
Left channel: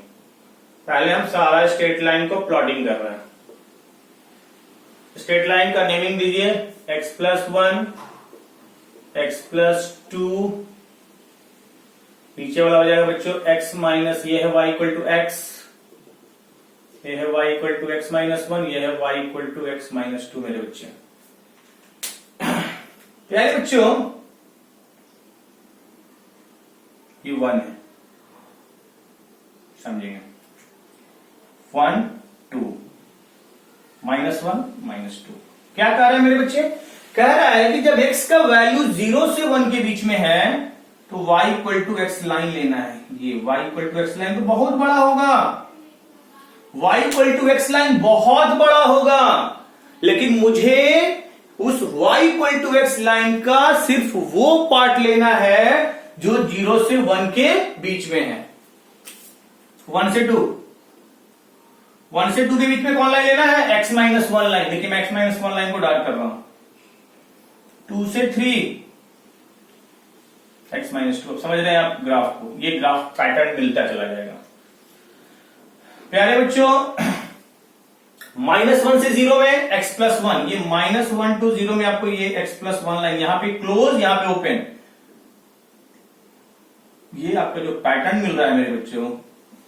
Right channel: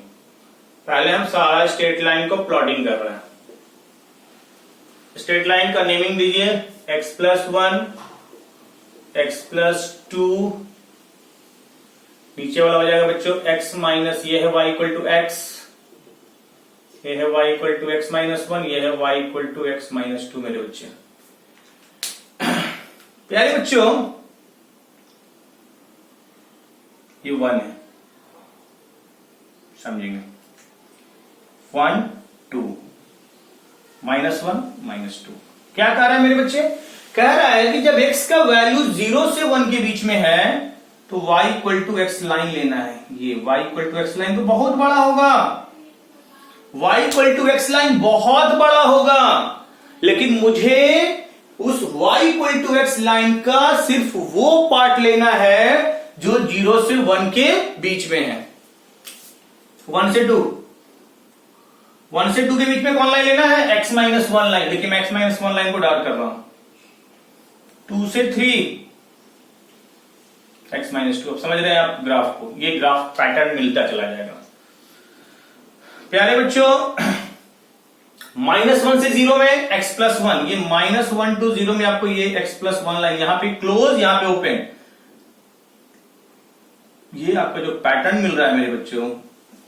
पहले हम सारा स्ट्रेट लाइन को प्लॉटिंग कर रहे हैं। स्ट्रेट लाइन का नेमिंग दीजिए x प्लस 1, x प्लस 2, नीचे वाला हो जाएगा बच्चों x माइनस, ये है y इक्वल टू x, ये है y equal to x minus 1, ये है y equal to x minus 2 मेरे बच्चे। प्यारे बच्चों ये 1 है, समझेंगे, 1 2 माइनस 1 माइनस 2। क्या कह रहा है मेरे बच्चे? कह रहा है कि जब x का वैल्यू 0 से 1 के बीच में है तो y equal to x line लेना है। ये y equal to x line तो बहुत बड़ा होगा, y equal to x line बहुत बड़ा होगा, लेकिन मुझे उस y equal to x line का सिर्फ वो पार्ट लेना है जो 0 से 1 के बीच में है। 1 से 2 के बीच में कौन लाइन लेना है? x माइनस 1 लाइन, लेकिन मैं x माइनस 1 लाइन को डार्क कर रहा हूं। 2 से 3 x माइनस 2। समझ रहे हैं आप ग्राफ को? ये ग्राफ पैटर्न मिलता चला जाएगा। प्यारे बच्चों -1 से 0 में x प्लस 1, ये -1 to 0 में आपको ये x प्लस 1 लाइन, यहां पे क्लोज, यहां पे ओपन, ये आपका जो पैटर्न मिल रहा है मेरे बच्चों,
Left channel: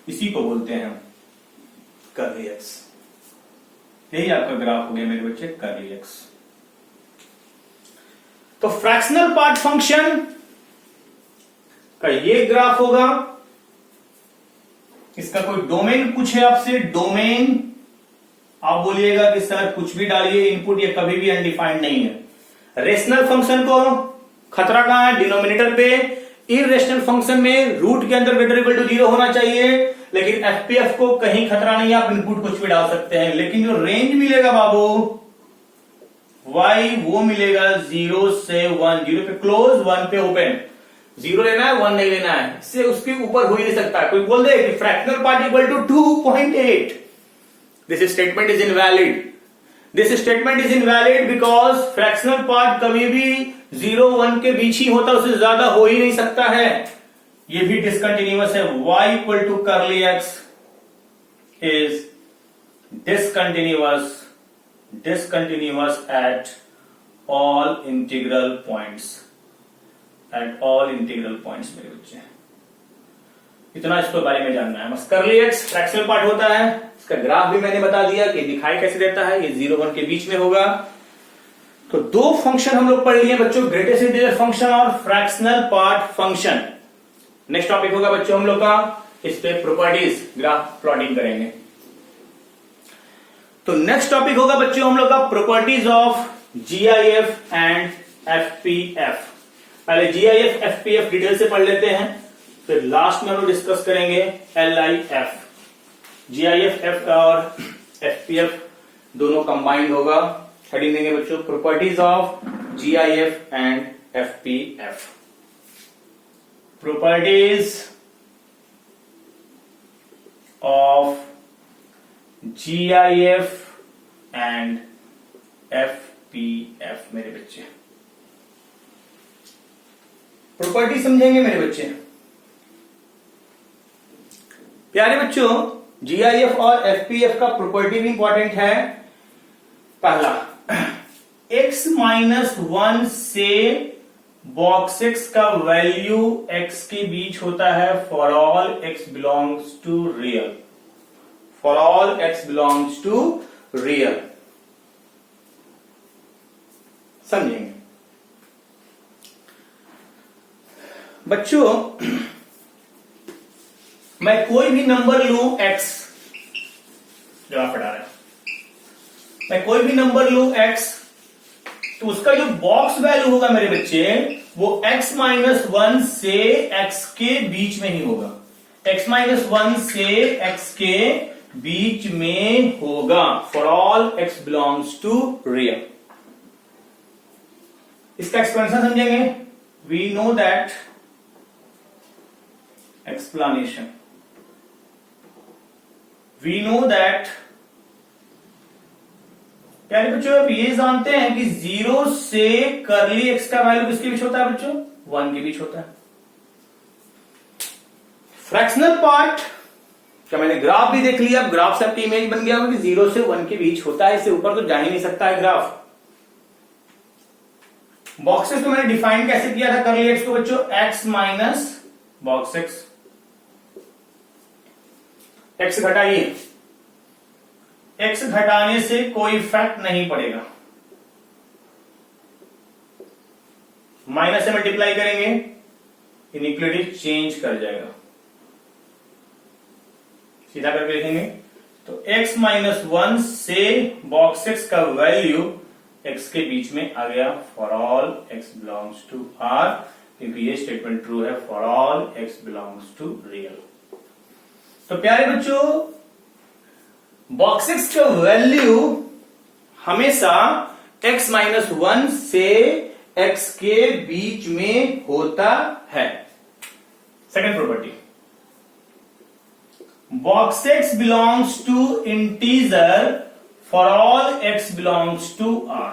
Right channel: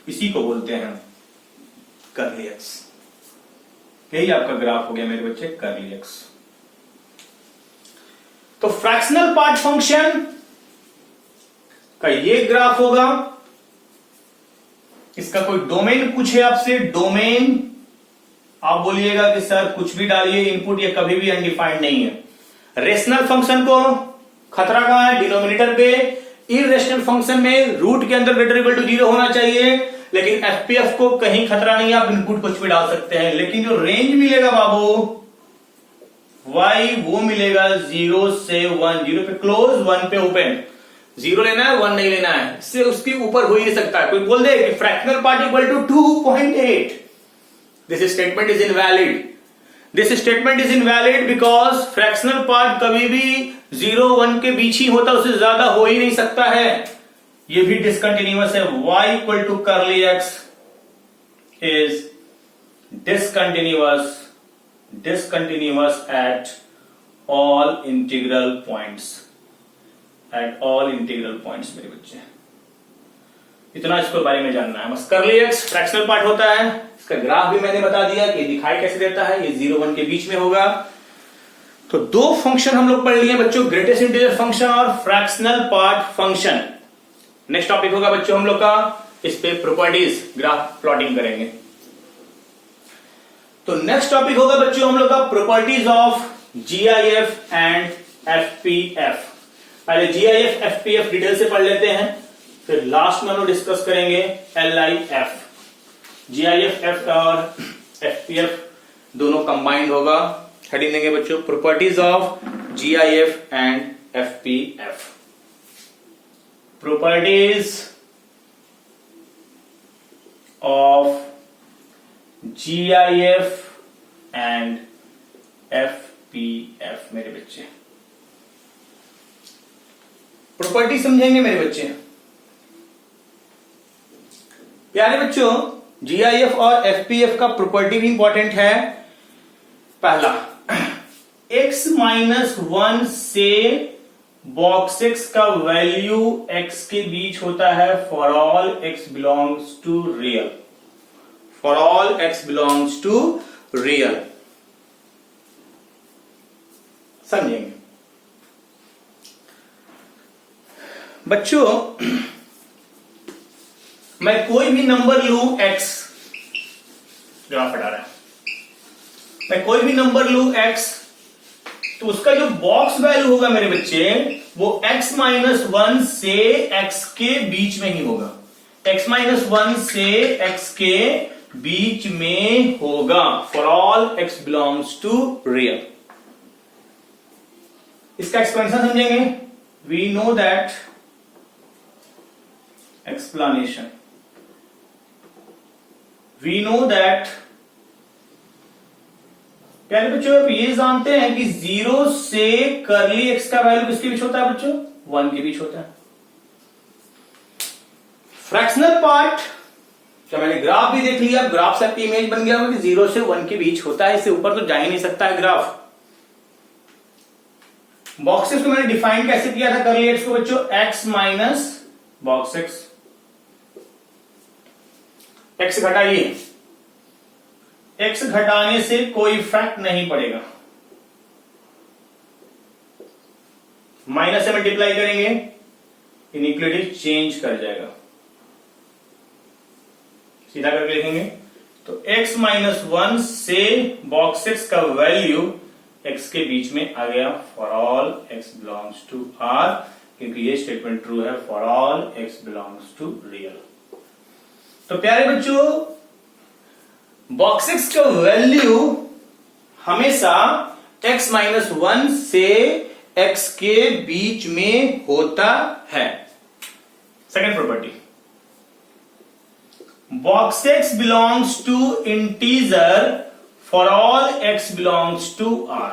इसी को बोलते हैं कर्ली एक्स। यही आपका ग्राफ हो गया मेरे बच्चे, कर्ली एक्स। तो फ्रैक्शनल पार्ट फंक्शन का ये ग्राफ होगा। इसका कोई डोमेन पूछे आपसे, डोमेन आप बोलिएगा कि सर कुछ भी डालिए इनपुट, ये कभी भी अनडिफाइंड नहीं है। रेशनल फंक्शन को खतरा कहां है? डिनोमिनेटर पे। इरेशनल फंक्शन में रूट के अंदर ग्रेटर इक्वल टू 0 होना चाहिए, लेकिन एफपीएफ को कहीं खतरा नहीं है, आप इनपुट कुछ भी डाल सकते हैं। लेकिन जो रेंज मिलेगा बाबू y वो मिलेगा 0 से 1, 0 पे क्लोज 1 पे ओपन। 0 लेना है, 1 नहीं लेना है, इससे उसके ऊपर हो ही नहीं सकता। कोई बोल दे कि fractional part equal to 2.8, this statement is invalid. This statement is invalid because fractional part कभी भी 0 1 के बीच ही होता, उससे ज्यादा हो ही नहीं सकता है। ये भी डिसकंटिन्यूअस है। y equal to curly x is discontinuous at all integral points, मेरे बच्चे। इतना इसके बारे में जानना है बस। कर्ली एक्स फ्रैक्शनल पार्ट होता है, इसका ग्राफ भी मैंने बता दिया कि दिखाई कैसे देता है, ये 0 1 के बीच में होगा। तो दो फंक्शन हम लोग पढ़ लिए बच्चों, ग्रेटेस्ट इंटीजर फंक्शन और fractional part function. Next topic होगा बच्चों हम लोग का, इस पे प्रॉपर्टीज ग्राफ प्लॉटिंग करेंगे। तो नेक्स्ट टॉपिक होगा बच्चों हम लोग का प्रॉपर्टीज ऑफ जीआईएफ एंड एफपीएफ। पहले जीआईएफ एफपीएफ डिटेल से पढ़ लेते हैं, फिर लास्ट में हम लोग डिस्कस करेंगे एलआईएफ। जीआईएफ एफ और एफपीएफ दोनों कंबाइंड होगा। हेडिंग देंगे बच्चों properties of GIF and FPF. Properties of GIF and FPF मेरे बच्चे। प्रॉपर्टी समझेंगे मेरे बच्चे। प्यारे बच्चों GIF और FPF का प्रॉपर्टी भी इंपॉर्टेंट है। पहला, x माइनस 1 से बॉक्स x का वैल्यू x के बीच होता है for all x belongs to real. For all x belongs to real। समझेंगे बच्चों, मैं कोई भी नंबर लू x, जवाब हटा रहा है, मैं कोई भी नंबर लू x, तो उसका जो बॉक्स वैल्यू होगा मेरे बच्चे वो x माइनस 1 से x के बीच में ही होगा। x माइनस 1 से x के बीच में होगा for all x belongs to real. इसका एक्सप्लेनेशन समझेंगे। We know that explanation, we know that. प्यारे बच्चों आप ये जानते हैं कि 0 से कर्ली एक्स का वैल्यू किसके बीच होता है बच्चों? 1 के बीच होता है। फ्रैक्शनल पार्ट क्या मैंने ग्राफ भी देख लिया, ग्राफ से आपकी इमेज बन गया कि 0 से 1 के बीच होता है, इससे ऊपर तो जा ही नहीं सकता है ग्राफ। बॉक्सेस को मैंने डिफाइन कैसे किया था कर्ली एक्स को बच्चों? x माइनस बॉक्स एक्स घटाइए, एक्स घटाने से कोई इफेक्ट नहीं पड़ेगा, माइनस से मल्टीप्लाई करेंगे, इनइक्वालिटी चेंज कर जाएगा, सीधा करके लिखेंगे। तो x माइनस 1 से बॉक्स x का वैल्यू x के बीच में आ गया for all x belongs to R, क्योंकि ये स्टेटमेंट ट्रू है for all x belongs to real. तो प्यारे बच्चों, बॉक्स x का वैल्यू हमेशा x माइनस 1 से x के बीच में होता है। Second property, box x belongs to integer for all x belongs to R।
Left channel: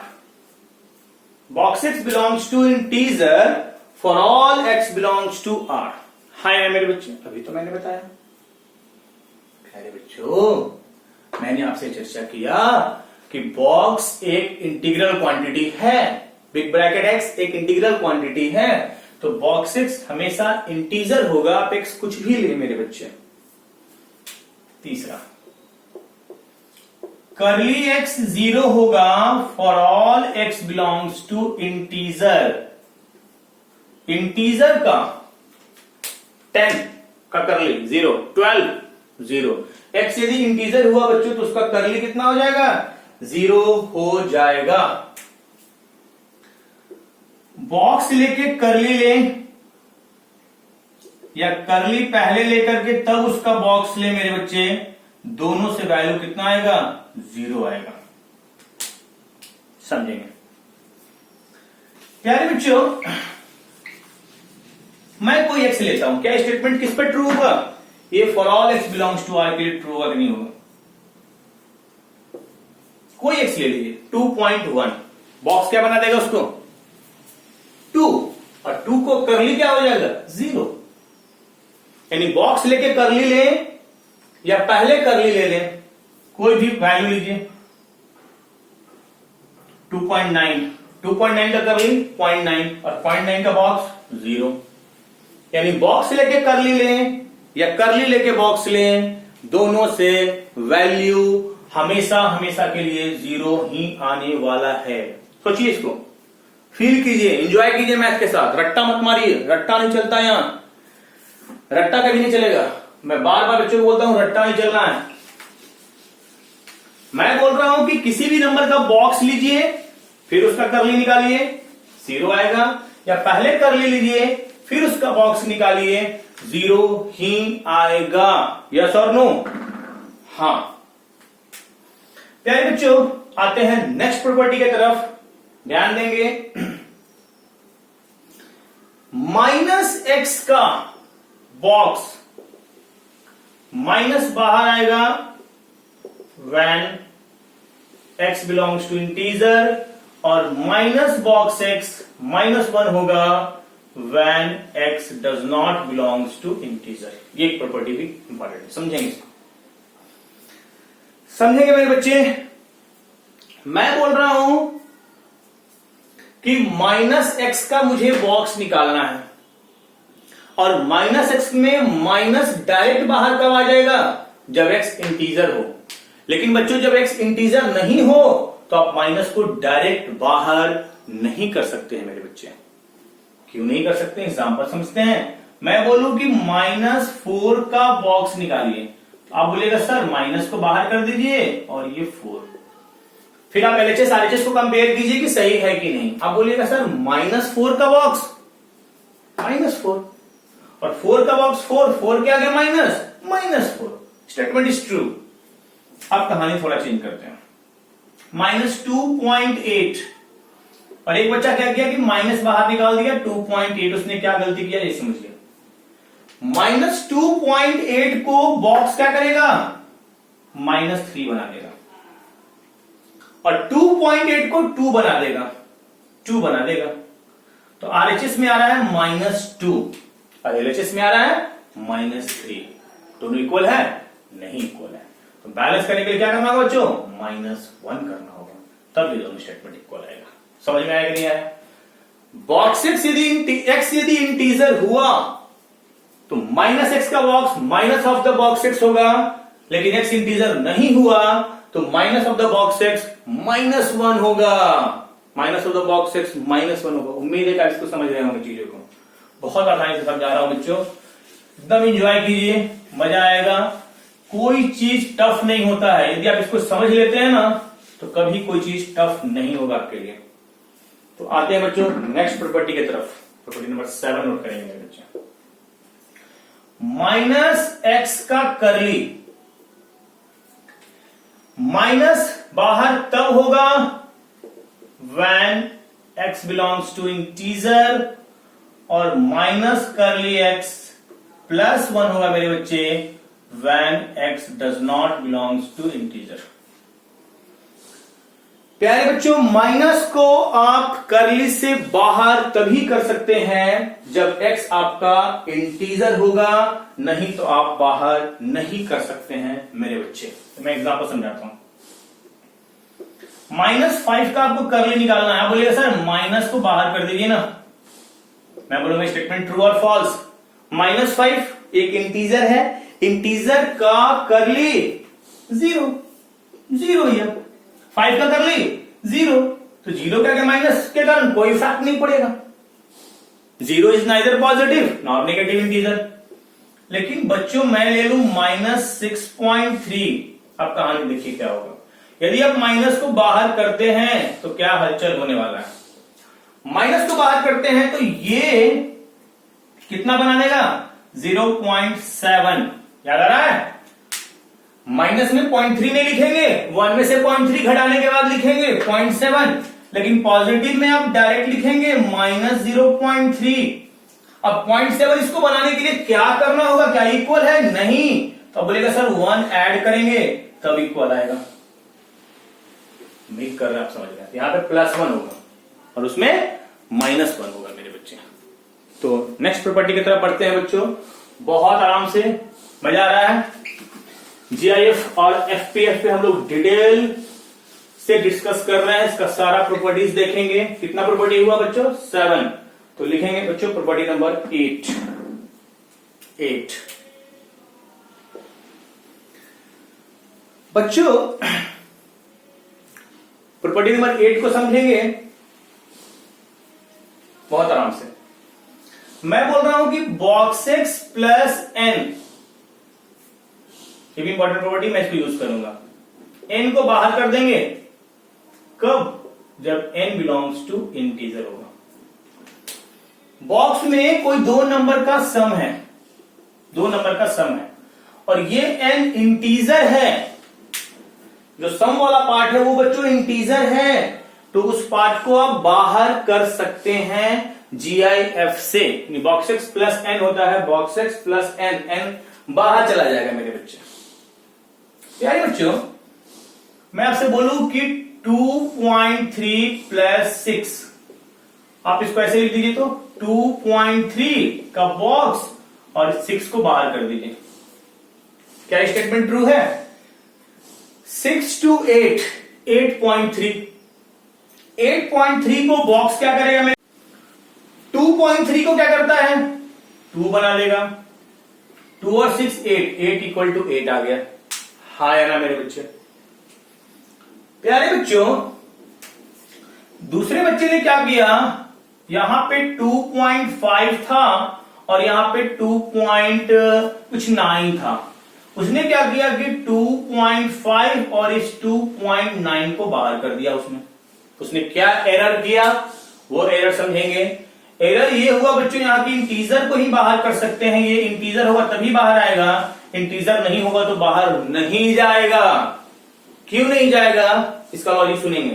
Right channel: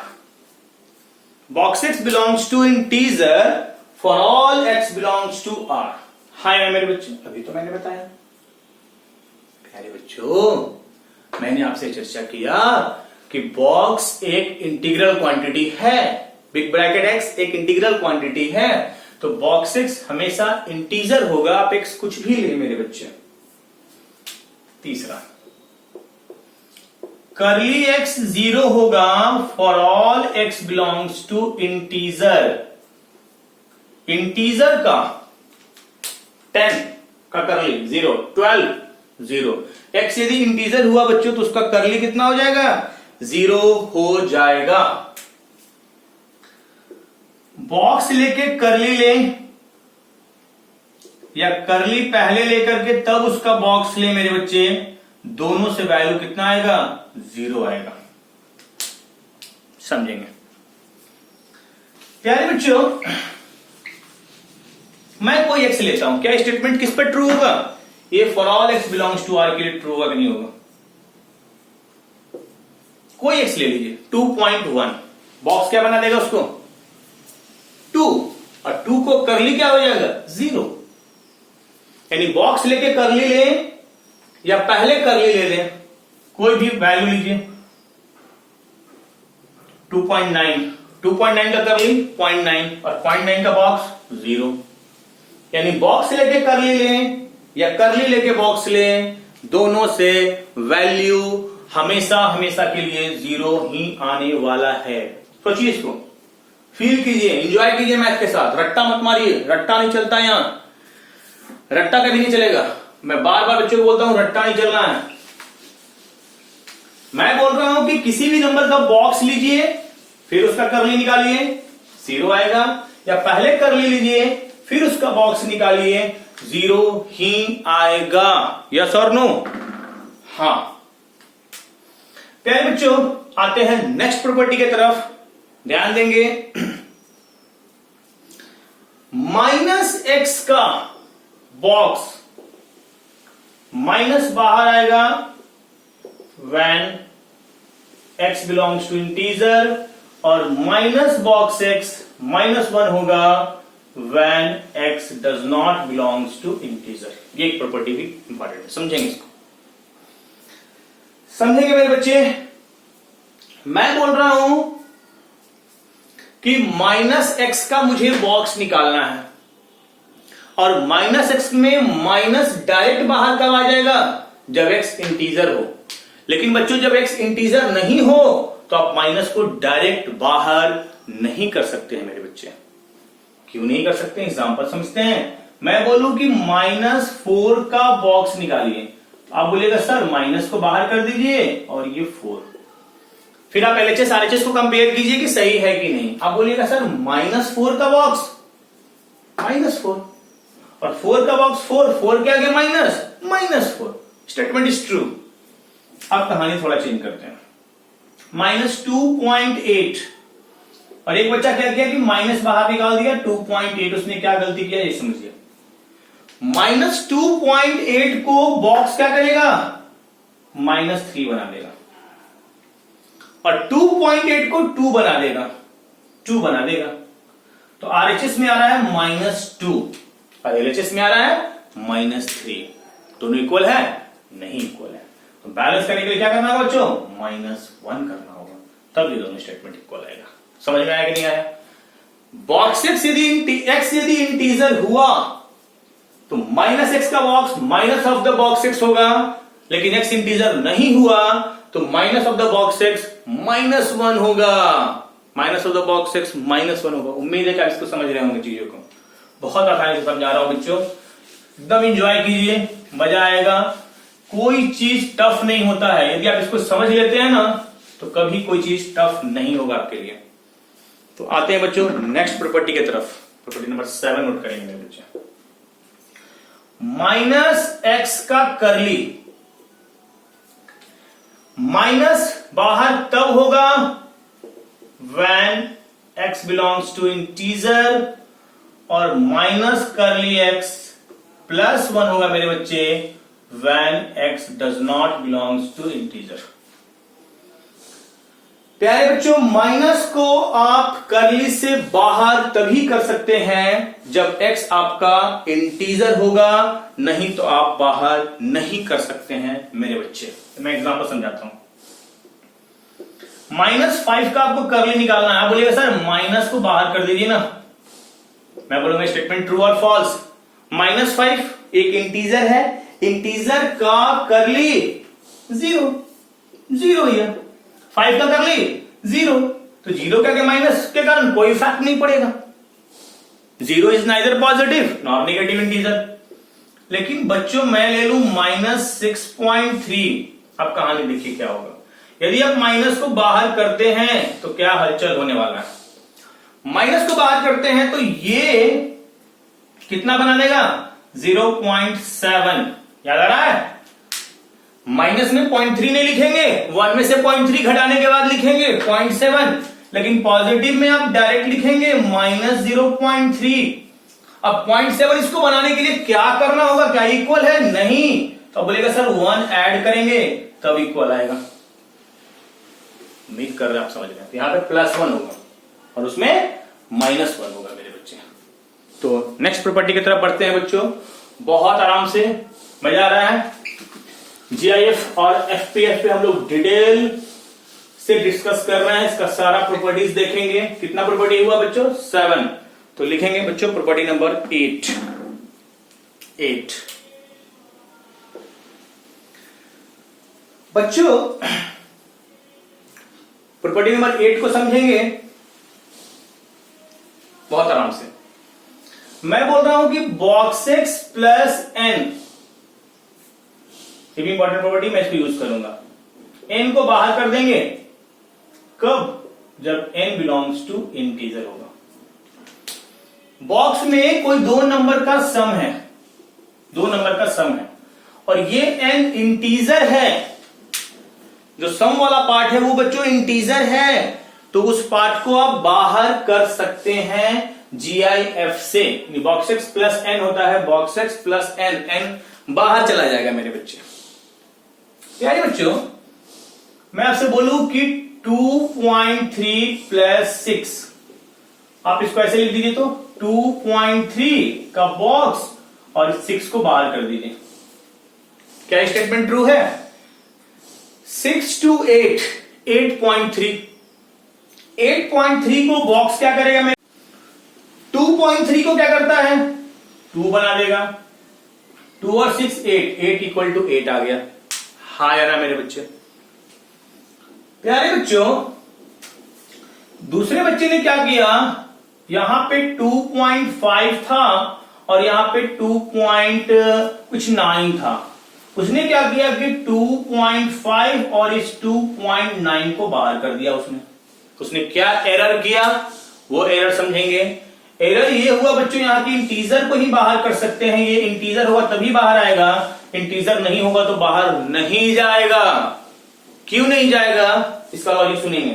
Box x belongs to integer for all x belongs to R। Hi मेरे बच्चे, अभी तो मैंने बताया। प्यारे बच्चों, मैंने आपसे चर्चा किया कि बॉक्स एक इंटीग्रल क्वांटिटी है, बिग ब्रैकेट x एक इंटीग्रल क्वांटिटी है, तो बॉक्स x हमेशा इंटीजर होगा, आप x कुछ भी ले मेरे बच्चे। तीसरा, करली x 0 होगा for all x belongs to integer. Integer का 10 का करली 0, 12 0। x यदि इंटीजर हुआ बच्चों तो उसका करली कितना हो जाएगा? 0 हो जाएगा। बॉक्स लेके करली ले या करली पहले लेकर के तब उसका बॉक्स ले मेरे बच्चे, दोनों से वैल्यू कितना आएगा? 0 आएगा। समझेंगे प्यारे बच्चों? मैं कोई एक्स लेता हूं, क्या स्टेटमेंट किस पर ट्रू होगा? ये for all x belongs to R के लिए ट्रू होगा कि नहीं होगा? कोई एक्स ले लीजिए 2.1, बॉक्स क्या बना देगा उसको? 2, और 2 को करली क्या हो जाएगा? 0। यानी बॉक्स लेके करली ले या पहले करली ले लें, कोई भी वैल्यू लीजिए। 2.9 का करली 0.9 और 0.9 का बॉक्स 0। यानी बॉक्स लेके करली लें या करली लेके बॉक्स लें, दोनों से वैल्यू हमेशा हमेशा के लिए 0 ही आने वाला है। सोचिए, इसको फील कीजिए, एंजॉय कीजिए मैथ के साथ। रट्टा मत मारिए, रट्टा नहीं चलता यहां, रट्टा कभी नहीं चलेगा। मैं बार बार बच्चों को बोलता हूं रट्टा नहीं चलना है। मैं बोल रहा हूं कि किसी भी नंबर का बॉक्स लीजिए, फिर उसका करली निकालिए, 0 आएगा, या पहले करली लीजिए फिर उसका बॉक्स निकालिए, 0 ही आएगा। यस और नो? हां। प्यारे बच्चों, आते हैं नेक्स्ट प्रॉपर्टी की तरफ, ध्यान देंगे। माइनस एक्स का बॉक्स माइनस बाहर आएगा when x belongs to integer, और माइनस बॉक्स x -1 होगा when x does not belongs to integer. ये एक प्रॉपर्टी भी इंपॉर्टेंट है, समझेंगे इसको? समझेंगे मेरे बच्चे? मैं बोल रहा हूं कि माइनस एक्स का मुझे बॉक्स निकालना है, और माइनस एक्स में माइनस डायरेक्ट बाहर कब आ जाएगा? जब एक्स इंटीजर हो। लेकिन बच्चों, जब एक्स इंटीजर नहीं हो तो आप माइनस को डायरेक्ट बाहर नहीं कर सकते हैं मेरे बच्चे। क्यों नहीं कर सकते? एग्जांपल समझते हैं। मैं बोलूं कि -4 का बॉक्स निकालिए, आप बोलेगा सर माइनस को बाहर कर दीजिए और ये 4। फिर आप LHS RHS को कंपेयर कीजिए कि सही है कि नहीं। आप बोलिएगा सर -4 का बॉक्स -4, और 4 का बॉक्स 4 के आगे -4। Statement is true. अब कहानी थोड़ा चेंज करते हैं। -2.8, और एक बच्चा क्या किया कि माइनस बाहर निकाल दिया, 2.8। उसने क्या गलती किया ये समझिए। -2.8 को बॉक्स क्या करेगा? -3 बना देगा, और 2.8 को 2 बना देगा। तो RHS में आ रहा है -2 और LHS में आ रहा है -3। दोनों इक्वल है? नहीं इक्वल है। तो बैलेंस करने के लिए क्या करना होगा बच्चों? -1 करना होगा, तब ये दोनों स्टेटमेंट इक्वल आएगा। समझ में आया कि नहीं आया? बॉक्स x यदि इंटीजर हुआ तो माइनस एक्स का box minus of the box x होगा, लेकिन एक्स इंटीजर नहीं हुआ तो minus of the box x -1 होगा, minus of the box x -1 होगा। उम्मीद है कि आप इसको समझ रहे होंगे चीजों को, बहुत आसानी से समझा रहा हूं बच्चों, एकदम एंजॉय कीजिए, मजा आएगा। कोई चीज टफ नहीं होता है, यदि आप इसको समझ लेते हैं ना तो कभी कोई चीज टफ नहीं होगा आपके लिए। तो आते हैं बच्चों नेक्स्ट प्रॉपर्टी की तरफ, प्रॉपर्टी नंबर 7 नोट करेंगे बच्चे। माइनस एक्स का करली, माइनस बाहर तब होगा when x belongs to integer, और माइनस करली x +1 होगा मेरे बच्चे when x does not belongs to integer। प्यारे बच्चों, माइनस को आप करली से बाहर तभी कर सकते हैं जब x आपका इंटीजर होगा, नहीं तो आप बाहर नहीं कर सकते हैं मेरे बच्चे। मैं एग्जांपल समझाता हूं। -5 का आपको करली निकालना है, बोलिएगा सर माइनस को बाहर कर दीजिए ना, मैं बोलूंगा स्टेटमेंट ट्रू और फॉल्स। -5 एक इंटीजर है, इंटीजर का करली 0 ही है, 5 का करली 0, तो 0 क्या माइनस के कारण कोई फर्क नहीं पड़ेगा। 0 is neither positive nor negative integer. लेकिन बच्चों मैं ले लू -6.3, अब कहानी देखिए क्या होगा। यदि आप माइनस को बाहर करते हैं तो क्या हलचल होने वाला है। माइनस को बाहर करते हैं तो ये कितना बना देगा 0.7, याद आ रहा है। माइनस में 0.3 नहीं लिखेंगे, 1 में से 0.3 घटाने के बाद लिखेंगे 0.7, लेकिन पॉजिटिव में आप डायरेक्ट लिखेंगे -0.3। अब 0.7 इसको बनाने के लिए क्या करना होगा, क्या इक्वल है, नहीं, तो बोलेगा सर 1 ऐड करेंगे तब इक्वल आएगा। उम्मीद कर रहे हैं आप समझ रहे हैं। यहां पे +1 होगा और उसमें -1 होगा मेरे बच्चे। तो नेक्स्ट प्रॉपर्टी की तरफ बढ़ते हैं बच्चों, बहुत आराम से, मजा आ रहा है। जीआईएफ और एफपीएफ पे हम लोग डिटेल से डिस्कस कर रहे हैं, इसका सारा प्रॉपर्टीज देखेंगे। कितना प्रॉपर्टी हुआ बच्चों 7, तो लिखेंगे बच्चों प्रॉपर्टी नंबर 8। बच्चों प्रॉपर्टी नंबर 8 को समझेंगे बहुत आराम से। मैं बोल रहा हूं कि बॉक्स एक्स प्लस एन, ये भी इंपॉर्टेंट प्रॉपर्टी, मैं इसको यूज करूंगा। एन को बाहर कर देंगे कब, जब एन बिलोंग्स टू इंटीजर होगा। बॉक्स में कोई 2 नंबर का सम है, 2 नंबर का सम है, और ये एन इंटीजर है। जो सम वाला पार्ट है वो बच्चों इंटीजर है, तो उस पार्ट को आप बाहर कर सकते हैं जीआईएफ से। बॉक्स एक्स प्लस एन होता है, box x plus n, n बाहर चला जाएगा मेरे बच्चे। प्यारे बच्चों, मैं आपसे बोलूं कि 2.3 प्लस 6, आप इसको ऐसे लिख दीजिए, तो 2.3 का बॉक्स और 6 को बाहर कर दीजिए। क्या स्टेटमेंट ट्रू है? 6 to 8, 8.3, 8.3 को बॉक्स क्या करेगा मेरे, 2.3 को क्या करता है 2 बना देगा, 2 और 6 8 इक्वल टू 8 आ गया। हाँ या ना मेरे बच्चे? प्यारे बच्चों, दूसरे बच्चे ने क्या किया, यहां पे 2.5 था और यहां पे 2.9 था। उसने क्या किया कि 2.5 और इस 2.9 को बाहर कर दिया। उसने क्या एरर किया, वो एरर समझेंगे। एरर ये हुआ बच्चों, यहां की इंटीजर को ही बाहर कर सकते हैं, ये इंटीजर होगा तभी बाहर आएगा, इंटीजर नहीं होगा तो बाहर नहीं जाएगा। क्यों नहीं जाएगा, इसका लॉजिक सुनेंगे।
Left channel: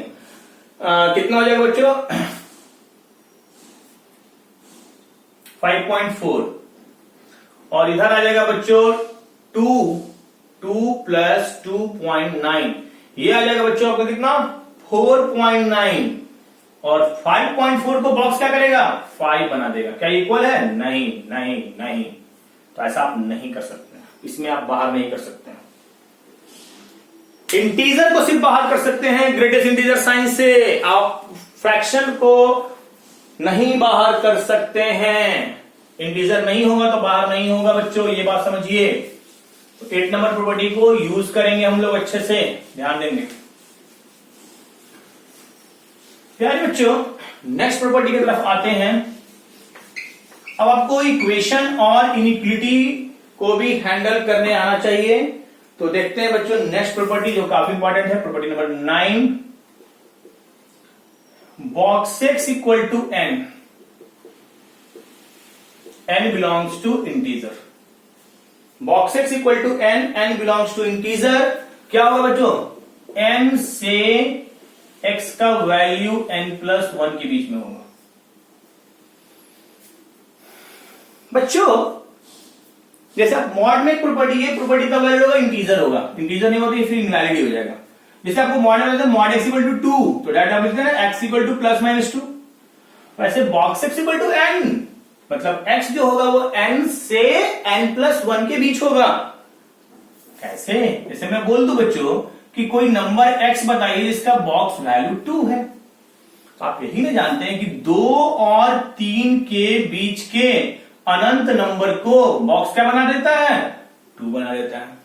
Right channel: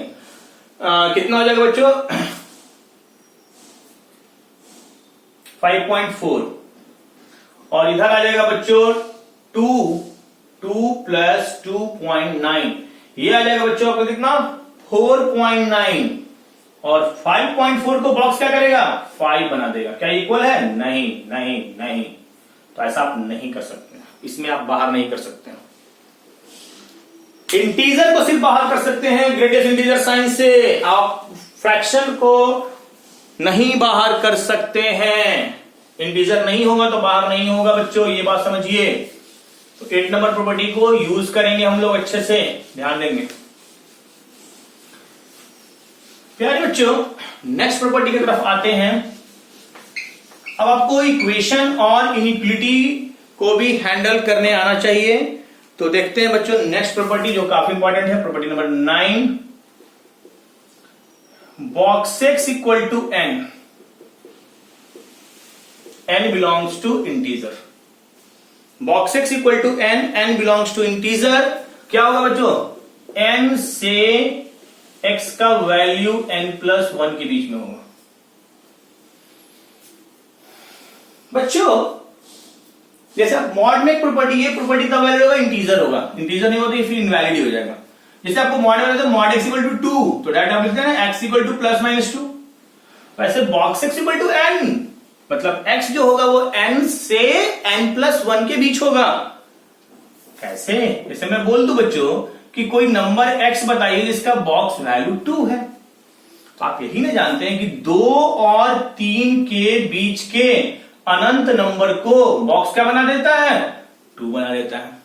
कितना हो जाएगा बच्चों 5.4, और इधर आ जाएगा बच्चों 2 प्लस 2.9, ये आ जाएगा बच्चों आपका कितना 4.9, और 5.4 को बॉक्स क्या करेगा 5 बना देगा। क्या इक्वल है? नहीं नहीं नहीं, तो ऐसा आप नहीं कर सकते, इसमें आप बाहर नहीं कर सकते हैं। इंटीजर को सिर्फ बाहर कर सकते हैं ग्रेटेस्ट इंटीजर साइन से, आप फ्रैक्शन को नहीं बाहर कर सकते हैं। इंटीजर नहीं होगा तो बाहर नहीं होगा बच्चों, ये बात समझिए। तो 8 नंबर प्रॉपर्टी को यूज करेंगे हम लोग अच्छे से, ध्यान देंगे प्यारे बच्चों। नेक्स्ट प्रॉपर्टी की तरफ आते हैं। अब आपको इक्वेशन और इनइक्वालिटी को भी हैंडल करने आना चाहिए। तो देखते हैं बच्चों नेक्स्ट प्रॉपर्टी जो काफी इंपॉर्टेंट है, property number 9, box x equal to n, n belongs to integer. Box x equal to n, n belongs to integer. क्या होगा बच्चों, n से x का वैल्यू n+1 के बीच में होगा। बच्चों जैसा मॉड में एक प्रॉपर्टी है, प्रॉपर्टी का वैल्यू होगा इंटीजर होगा, इंटीजर नहीं होता फिर इनवैलिड हो जाएगा। जैसे आपको मॉड में मॉड x इक्वल टू 2, तो डायरेक्ट आप लिखते हैं ना x इक्वल टू +-2। वैसे box x equal to n, मतलब x जो होगा वो n से n+1 के बीच होगा। कैसे? जैसे मैं बोल दूं बच्चों कि कोई नंबर x बताइए जिसका बॉक्स वैल्यू 2 है, तो आप यही नहीं जानते हैं कि 2 और 3 के बीच के अनंत नंबर को बॉक्स क्या बना देता है, 2 बना देता है।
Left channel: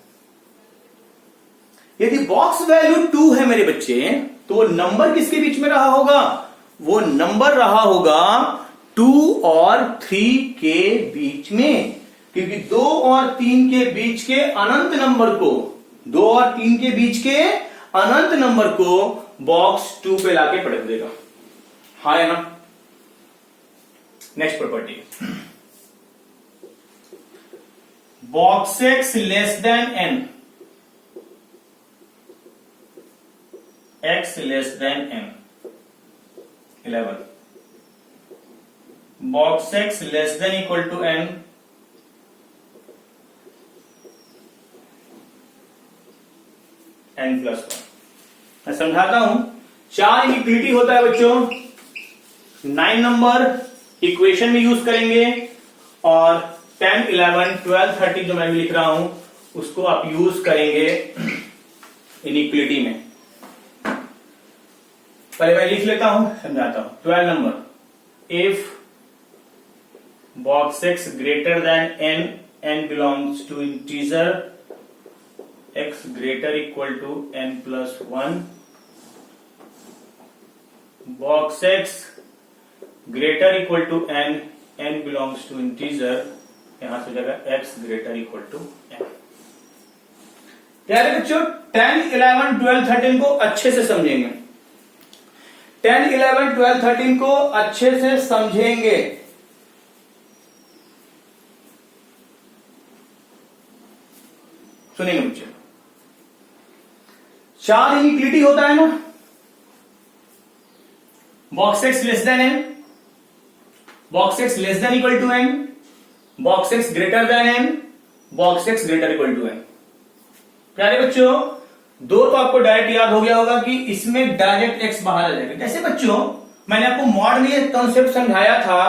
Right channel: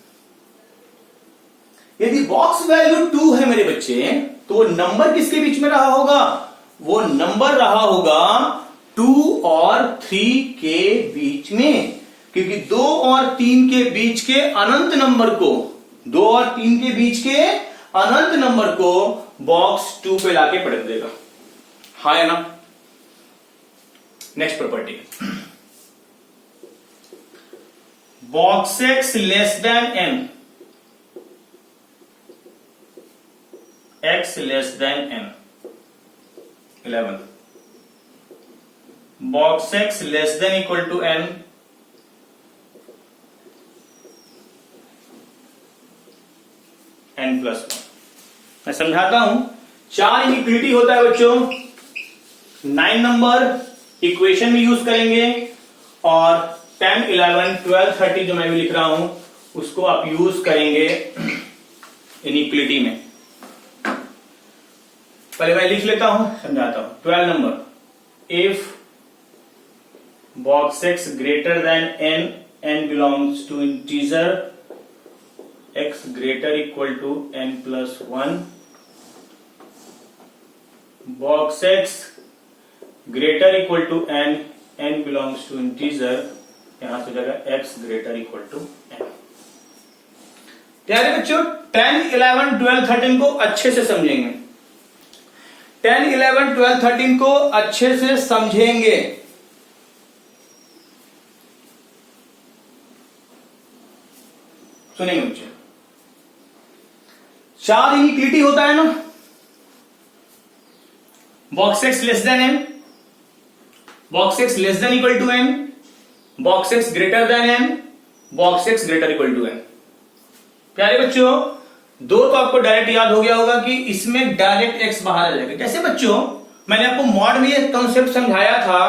यदि बॉक्स वैल्यू 2 है मेरे बच्चे, तो वो नंबर किसके बीच में रहा होगा, वो नंबर रहा होगा 2 और 3 के बीच में, क्योंकि 2 और 3 के बीच के अनंत नंबर को, 2 और 3 के बीच के अनंत नंबर को बॉक्स 2 पे लाके पलट देगा। हाँ है ना। Next property, box x less than n, x less than n, 11, box x less than equal to n, n+1। मैं समझाता हूं, 4 इनइक्वालिटी होता है बच्चों, 9 नंबर इक्वेशन में यूज करेंगे और 10, 11, 12, 13 जो मैं भी लिख रहा हूं उसको आप यूज करेंगे इनइक्वालिटी में। पहले मैं लिख लेता हूं, समझाता हूं। 12 number, if box x greater than n, n belongs to integer, x greater equal to n+1, box x greater equal to n, n belongs to integer, यहां से जाएगा x greater equal to n। प्यारे बच्चों 10, 11, 12, 13 को अच्छे से समझेंगे, 10, 11, 12, 13 को अच्छे से समझेंगे। सुनिए बच्चों, 4 इनइक्वालिटी होता है ना, box x less than n, box x less than equal to n, box x greater than n, box x greater equal to n। प्यारे बच्चों दो तो आपको डायरेक्ट याद हो गया होगा कि इसमें डायरेक्ट x बाहर आ जाएगा। कैसे बच्चों, मैंने आपको मॉड में एक कॉन्सेप्ट समझाया था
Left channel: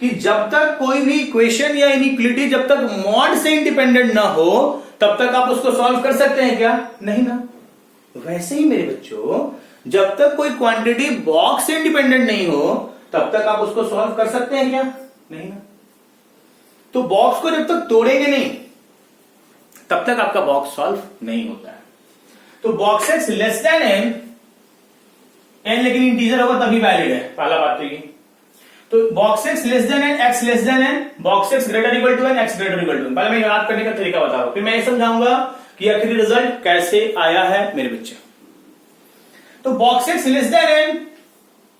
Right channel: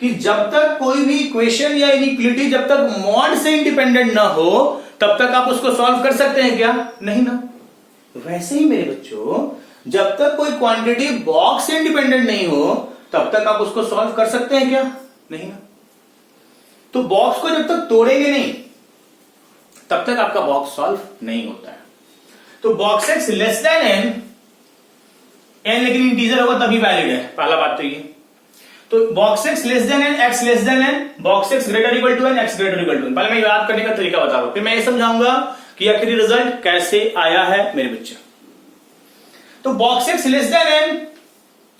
कि जब तक कोई भी इक्वेशन या इनइक्वालिटी जब तक मॉड से इंडिपेंडेंट ना हो तब तक आप उसको सॉल्व कर सकते हैं क्या, नहीं ना। वैसे ही मेरे बच्चों जब तक कोई क्वांटिटी बॉक्स से इंडिपेंडेंट नहीं हो तब तक आप उसको सॉल्व कर सकते हैं क्या, नहीं ना। तो बॉक्स को जब तक तोड़ेंगे नहीं तब तक आपका बॉक्स सॉल्व नहीं होता है। तो box x less than n, n लेकिन इंटीजर होगा तभी वैलिड है, पहला बात तो ये। तो box x less than n, x less than n, box x greater equal to n, x greater equal to n। पहले मैं याद करने का तरीका बता रहा हूं, फिर मैं ये समझाऊंगा कि आखिरी रिजल्ट कैसे आया है मेरे बच्चे। तो box x less than n,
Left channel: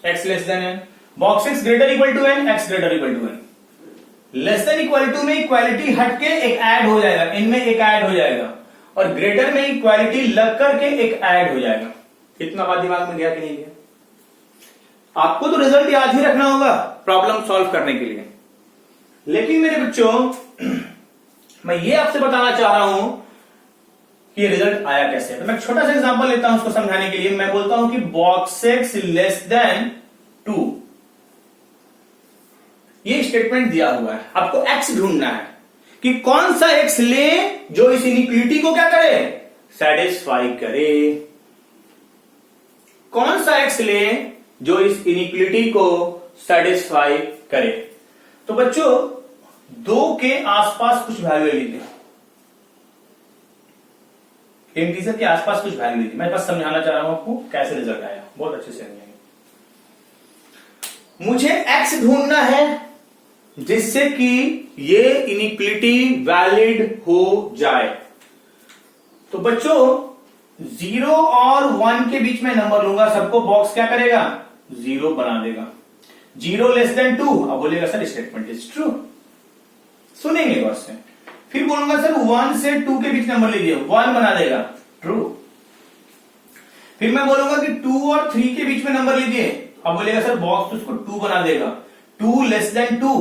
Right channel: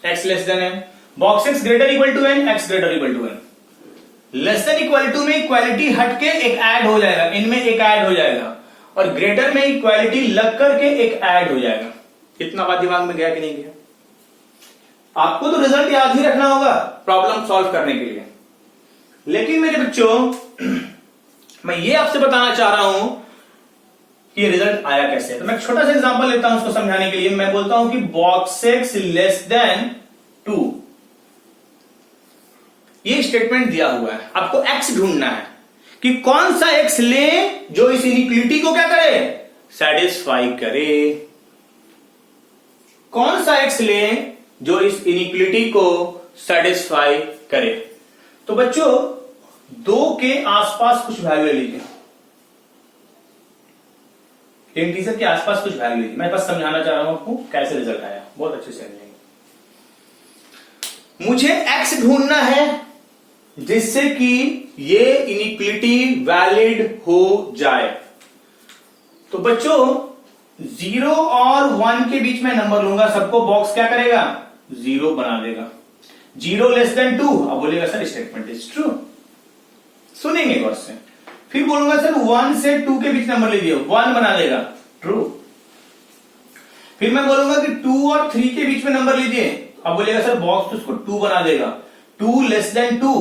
x less than n, box x greater equal to n, x greater equal to n। Less than equal to में इक्वालिटी हट के एक ऐड हो जाएगा, इनमें एक ऐड हो जाएगा, और ग्रेटर में इक्वालिटी लग करके एक ऐड हो जाएगा। इतना बात दिमाग में गया कि नहीं गया? आपको तो रिजल्ट याद ही रखना होगा प्रॉब्लम सॉल्व करने के लिए। लेकिन मेरे बच्चों मैं ये आपसे बताना चाह रहा हूं कि ये रिजल्ट आया कैसे है। तो मैं छोटा सा एग्जांपल लेता हूं उसको समझाने के लिए। मैं बोलता हूं कि बॉक्स x लेस देन 2, ये स्टेटमेंट दिया हुआ है, आपको x ढूंढना है कि कौन सा x ले जो इस इनइक्वालिटी को क्या करे, सेटिस्फाई करे। कौन सा x ले जो इस इनइक्वालिटी को सेटिस्फाई करे। तो बच्चों 2 के आसपास कुछ वैल्यू ले लीजिए, इंटीजर के आसपास कुछ वैल्यू लीजिए। मैं बस समझाना चाह रहा हूं आपको कैसे रिजल्ट आया, बहुत अच्छे से समझेंगे। मुझे x ढूंढना है जिससे कि ये इनिक्विलिटी वैलिड हो जाए। तो बच्चों 0 और 1 के बीच में नंबर लूंगा, सबको बॉक्स क्या करेगा, 0 बना देगा। 0 लेस देन 2, अब बोलेगा सर स्टेटमेंट इज ट्रू, सुनेंगे गौर से। फिर बोलूंगा सर 1 से 2 के बीच नंबर लीजिए, 1 बना देगा, ट्रू। फिर मैं बोलूंगा कि 2 और 3 के बीच में नंबर लीजिए, अब बोलेगा सर बॉक्स उसको 2 बना देगा। 2 लेस देन 2,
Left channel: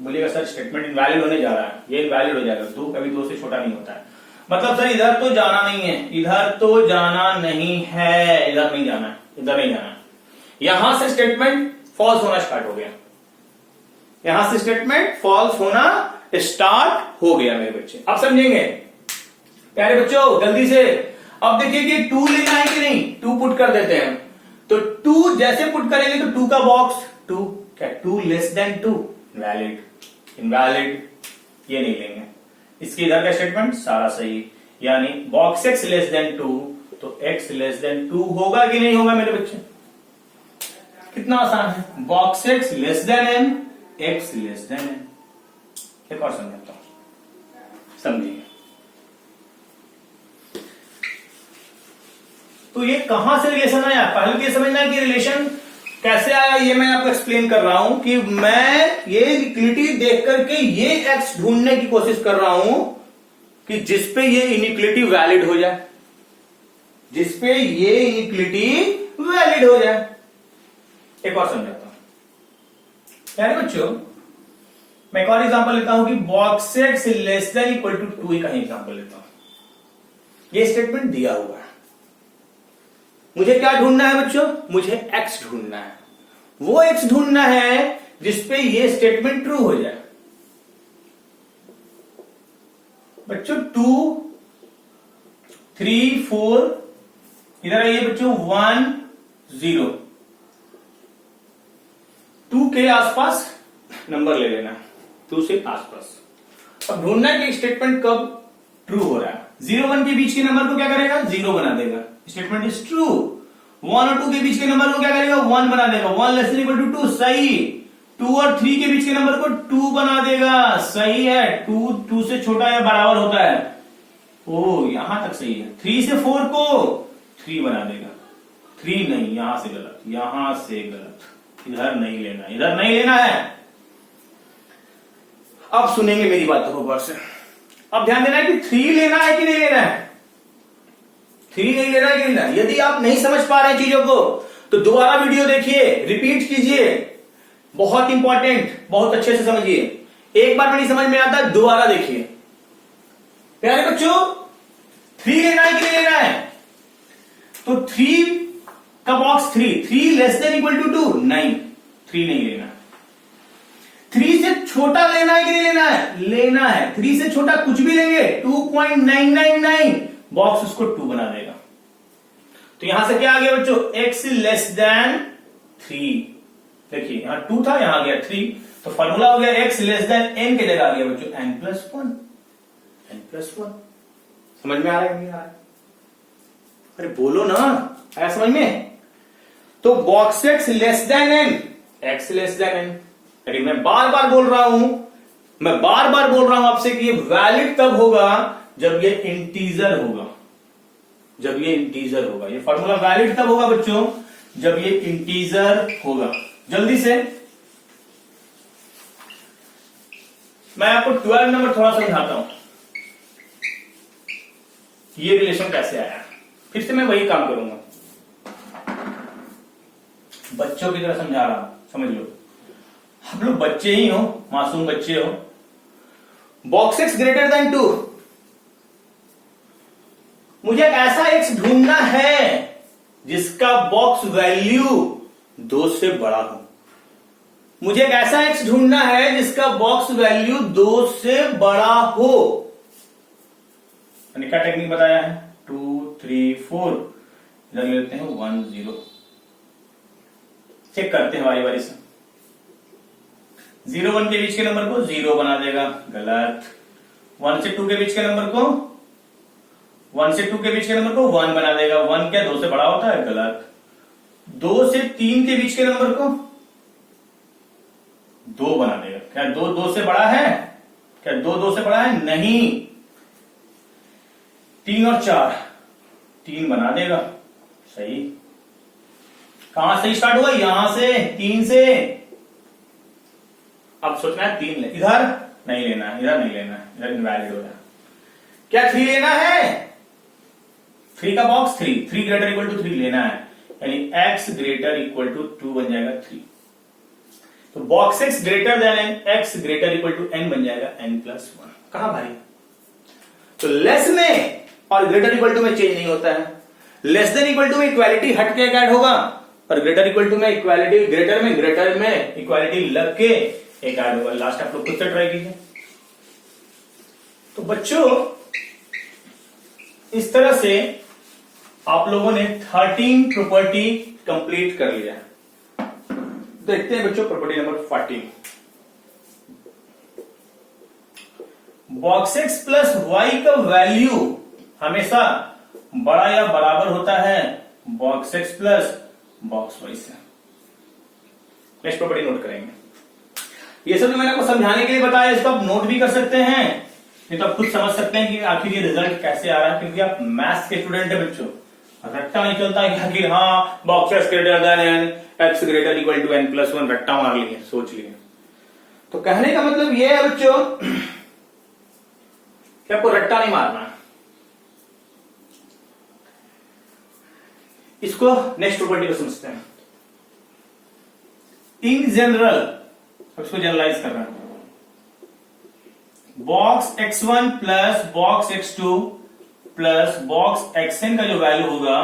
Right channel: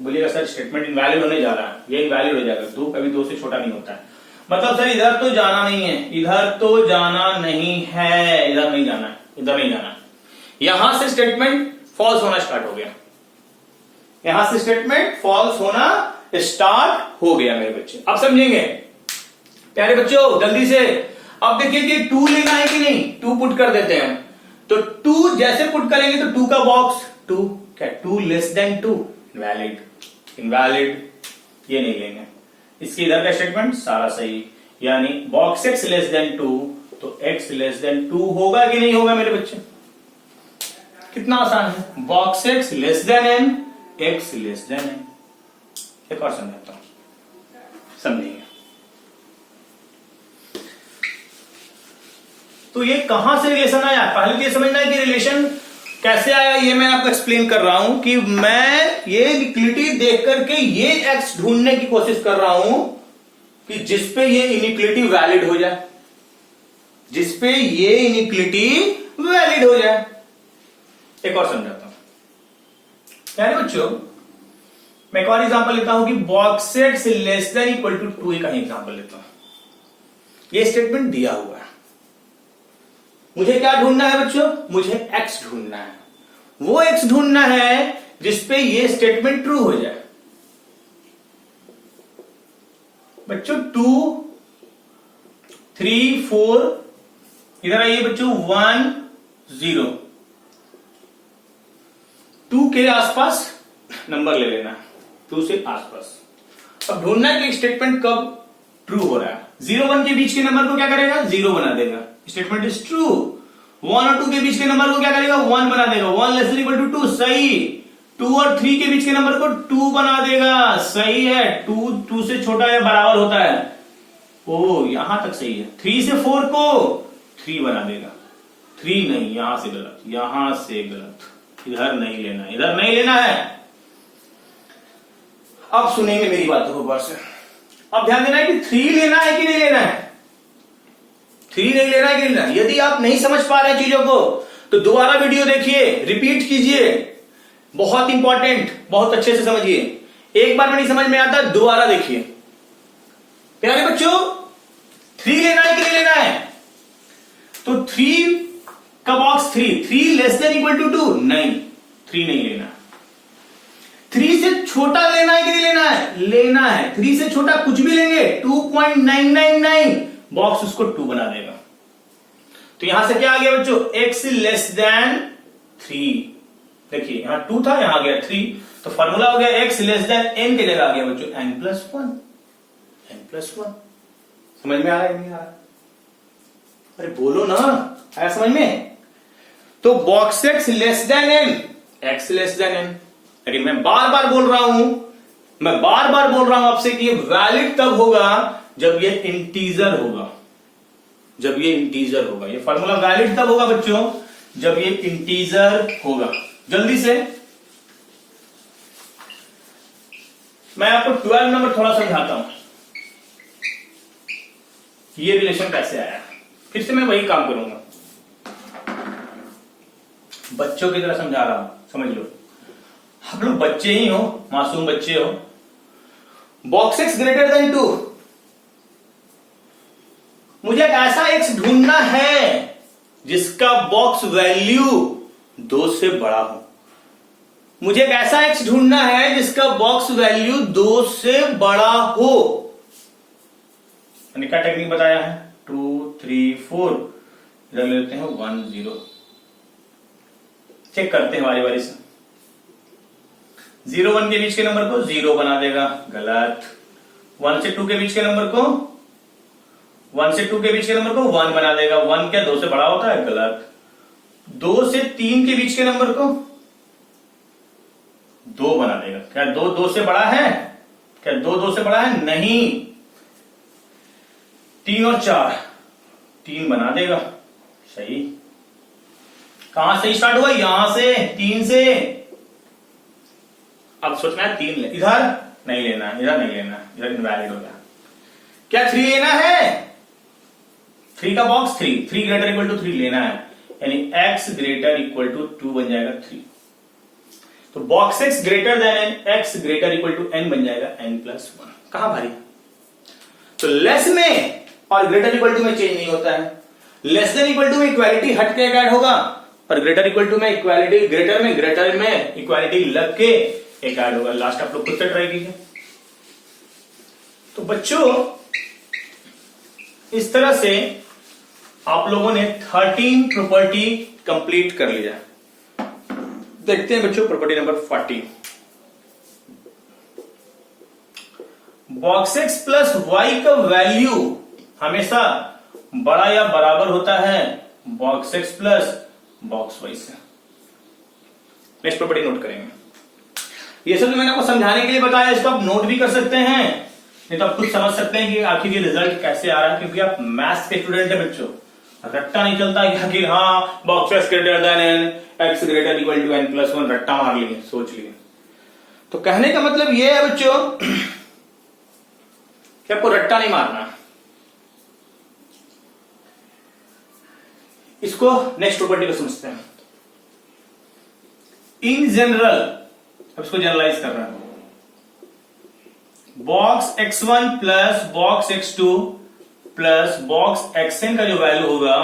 बोलेगा सर स्टेटमेंट इनवैलिड होने जा रहा है, ये इनवैलिड हो जाएगा, 2 कभी 2 से छोटा नहीं होता है। मतलब सर इधर तो जाना नहीं है, इधर तो जाना नहीं है, इधर नहीं जाना है, इधर नहीं जाना है। यहां से स्टेटमेंट फॉल्स होना स्टार्ट हो गया, यहां से स्टेटमेंट फॉल्स होना स्टार्ट हो गया मेरे बच्चे। अब समझेंगे प्यारे बच्चों जल्दी से। अब देखिए कि 2 लेना है कि नहीं, 2 पुट कर देते हैं। तो 2 जैसे पुट करेंगे तो 2 का बॉक्स 2, क्या 2 लेस देन 2, वैलिड, इनवैलिड, ये नहीं लेंगे। इसके इधर का स्टेटमेंट सारा सही, यानी बॉक्स x लेस देन 2, तो x लेस देन 2 होगा कि नहीं होगा मेरे बच्चे, कितना आसान है। Box x less than n, x less than n। एक और समझाता हूं, समझिए। तो ये कहां से रिलेशन आया, पहले ये समझना है कि रिलेशन कैसे आया, ये मैं आपको एक्सप्लेन कर रहा हूं कि मैं ये इक्विलिटी देख करके ये x ढूंढने की कोशिश कर रहा हूं कि जिसपे ये इनिक्विलिटी वैलिड हो जाए, जिसपे ये इनिक्विलिटी वैलिड हो जाए। एक और समझाता हूं यार बच्चों, मैं एक और एग्जांपल लेता हूं कि box x less than equal to 2 का एग्जांपल लेता हूं। ये स्टेटमेंट दिया हुआ है, मुझे क्या ढूंढना है बच्चों, मुझे x ढूंढना है। वो x ढूंढना है जिसपे ये स्टेटमेंट ट्रू हो जाए। बच्चों 2, 3, 4, इधर आइए बच्चों, 1, 0, 2 के आसपास नंबर ले लेना, 2 से आसपास। अब ढूंढना है कि स्टेटमेंट कब ट्रू हो रहा है। 0 1 के बीच के नंबर को क्या करेगा, 0 बना देगा, स्टेटमेंट इज ट्रू। 1 और 2 के बीच के नंबर को क्या करेगा, 1 बना देगा, 1 लेस देन इक्वल टू 2, सही। 2 और 3 के बीच के नंबर को 2 बना देगा, सही है। 2 से छोटा या बराबर होता है, ओ यहां तक सही है। 3 से 4 को 3 बना देगा, 3 नहीं, यहां से गलत, यहां से गलत, इधर नहीं लेना, इधर नहीं लेना है। अब सुनेंगे मेरी बातों को गौर से। अब ध्यान देना है कि 3 लेना है कि नहीं लेना है, 3 नहीं लेना है कि नहीं लेना। यदि आप नहीं समझ पा रहे हैं चीजों को तो दोबारा वीडियो देखिए, रिपीट कीजिए, बहुत इंपॉर्टेंट, बहुत अच्छे से समझिए। एक बार में नहीं समझ में आता, दोबारा देखिए। प्यारे बच्चों 3 लेना है कि नहीं लेना है, तो 3 का box 3 less than equal to 2, नहीं 3 नहीं लेना। 3 से छोटा लेना है कि नहीं लेना है, लेना है। 3 से छोटा कुछ भी लेंगे, 2.999, बॉक्स उसको 2 बना देगा। तो यहां से क्या आ गया बच्चों, x लेस देन 3। देखिए यहां 2 था, यहां आ गया 3, तो फॉर्मूला हो गया x लेस देन n के जगह आ गया बच्चों n+1, n+1। समझ में आ रहा है नहीं आ रहा, अरे बोलो ना, आया समझ में। तो box x less than n, x less than n। अरे मैं बार बार बोल रहा हूं आपसे कि ये वैलिड तब होगा जब ये इंटीजर होगा, जब ये इंटीजर होगा। ये फॉर्मूला वैलिड तब होगा बच्चों जब ये इंटीजर होगा। जल्दी से मैं आपको 12 नंबर थोड़ा समझाता हूं, ये रिलेशन कैसे आया। फिर से मैं वही काम करूंगा, बच्चों की तरह समझा रहा हूं, समझ लो। आप लोग बच्चे ही हो, मासूम बच्चे हो। बॉक्स x ग्रेटर देन 2, मुझे एक ऐसा x ढूंढना है जिसका बॉक्स वैल्यू 2 से बड़ा हो। मुझे एक ऐसा x ढूंढना है जिसका बॉक्स वैल्यू 2 से बड़ा हो। मैंने क्या टेक्निक बताया है, 2, 3, 4, इधर ले लेते हैं 1, 0। चेक करते हैं बारी बारी से। 0 1 के बीच के नंबर को 0 बना देगा, गलत। 1 से 2 के बीच के नंबर को 1 से 2 के बीच के नंबर को 1 बना देगा। 1 क्या 2 से बड़ा होता है, गलत। 2 से 3 के बीच के नंबर को 2 बना देगा। क्या 2 2 से बड़ा है? क्या 2 2 से बड़ा है? नहीं। 3 और 4 3 बना देगा, सही। कहां से स्टार्ट हुआ? यहां से, 3 से। अब सोचना है 3 ले, इधर नहीं लेना, इधर नहीं लेना, इधर इनवैलिड होगा। क्या 3 लेना है? 3 का बॉक्स 3 ग्रेटर इक्वल टू 3 लेना है, यानी x ग्रेटर इक्वल टू 2 बन जाएगा 3। तो box x greater than x greater equal to n बन जाएगा n+1। कहां भारी? तो लेस में और ग्रेटर इक्वल टू में चेंज नहीं होता है। लेस देन इक्वल टू में इक्वालिटी हट के ऐड होगा, और ग्रेटर इक्वल टू में इक्वालिटी, ग्रेटर में इक्वालिटी लग के एक ऐड होगा। लास्ट आप लोग खुद से ट्राई कीजिए। तो बच्चों इस तरह से आप लोगों ने 13 प्रॉपर्टी कंप्लीट कर लिया। देखते हैं बच्चों property number 14। Box x plus y का वैल्यू हमेशा बड़ा या बराबर होता है box x plus box y से। नेक्स्ट प्रॉपर्टी नोट करेंगे। ये सब तो मैंने आपको समझाने के लिए बताया, इसको आप नोट भी कर सकते हैं, नहीं तो आप खुद समझ सकते हैं कि आखिर ये रिजल्ट कैसे आ रहा है, क्योंकि आप मैथ्स के स्टूडेंट है बच्चों। रट्टा नहीं चलता कि आखिर हाँ box x greater than n, x greater equal to n+1, रट्टा मार लिए, सोच लिए। तो कहने का मतलब ये है बच्चों कि आपको रट्टा नहीं मारना। इसको नेक्स्ट प्रॉपर्टी को समझते हैं। इन जनरल, अब इसको जनरलाइज कर रहा है, box x1 plus box x2 plus box xn का जो वैल्यू होगा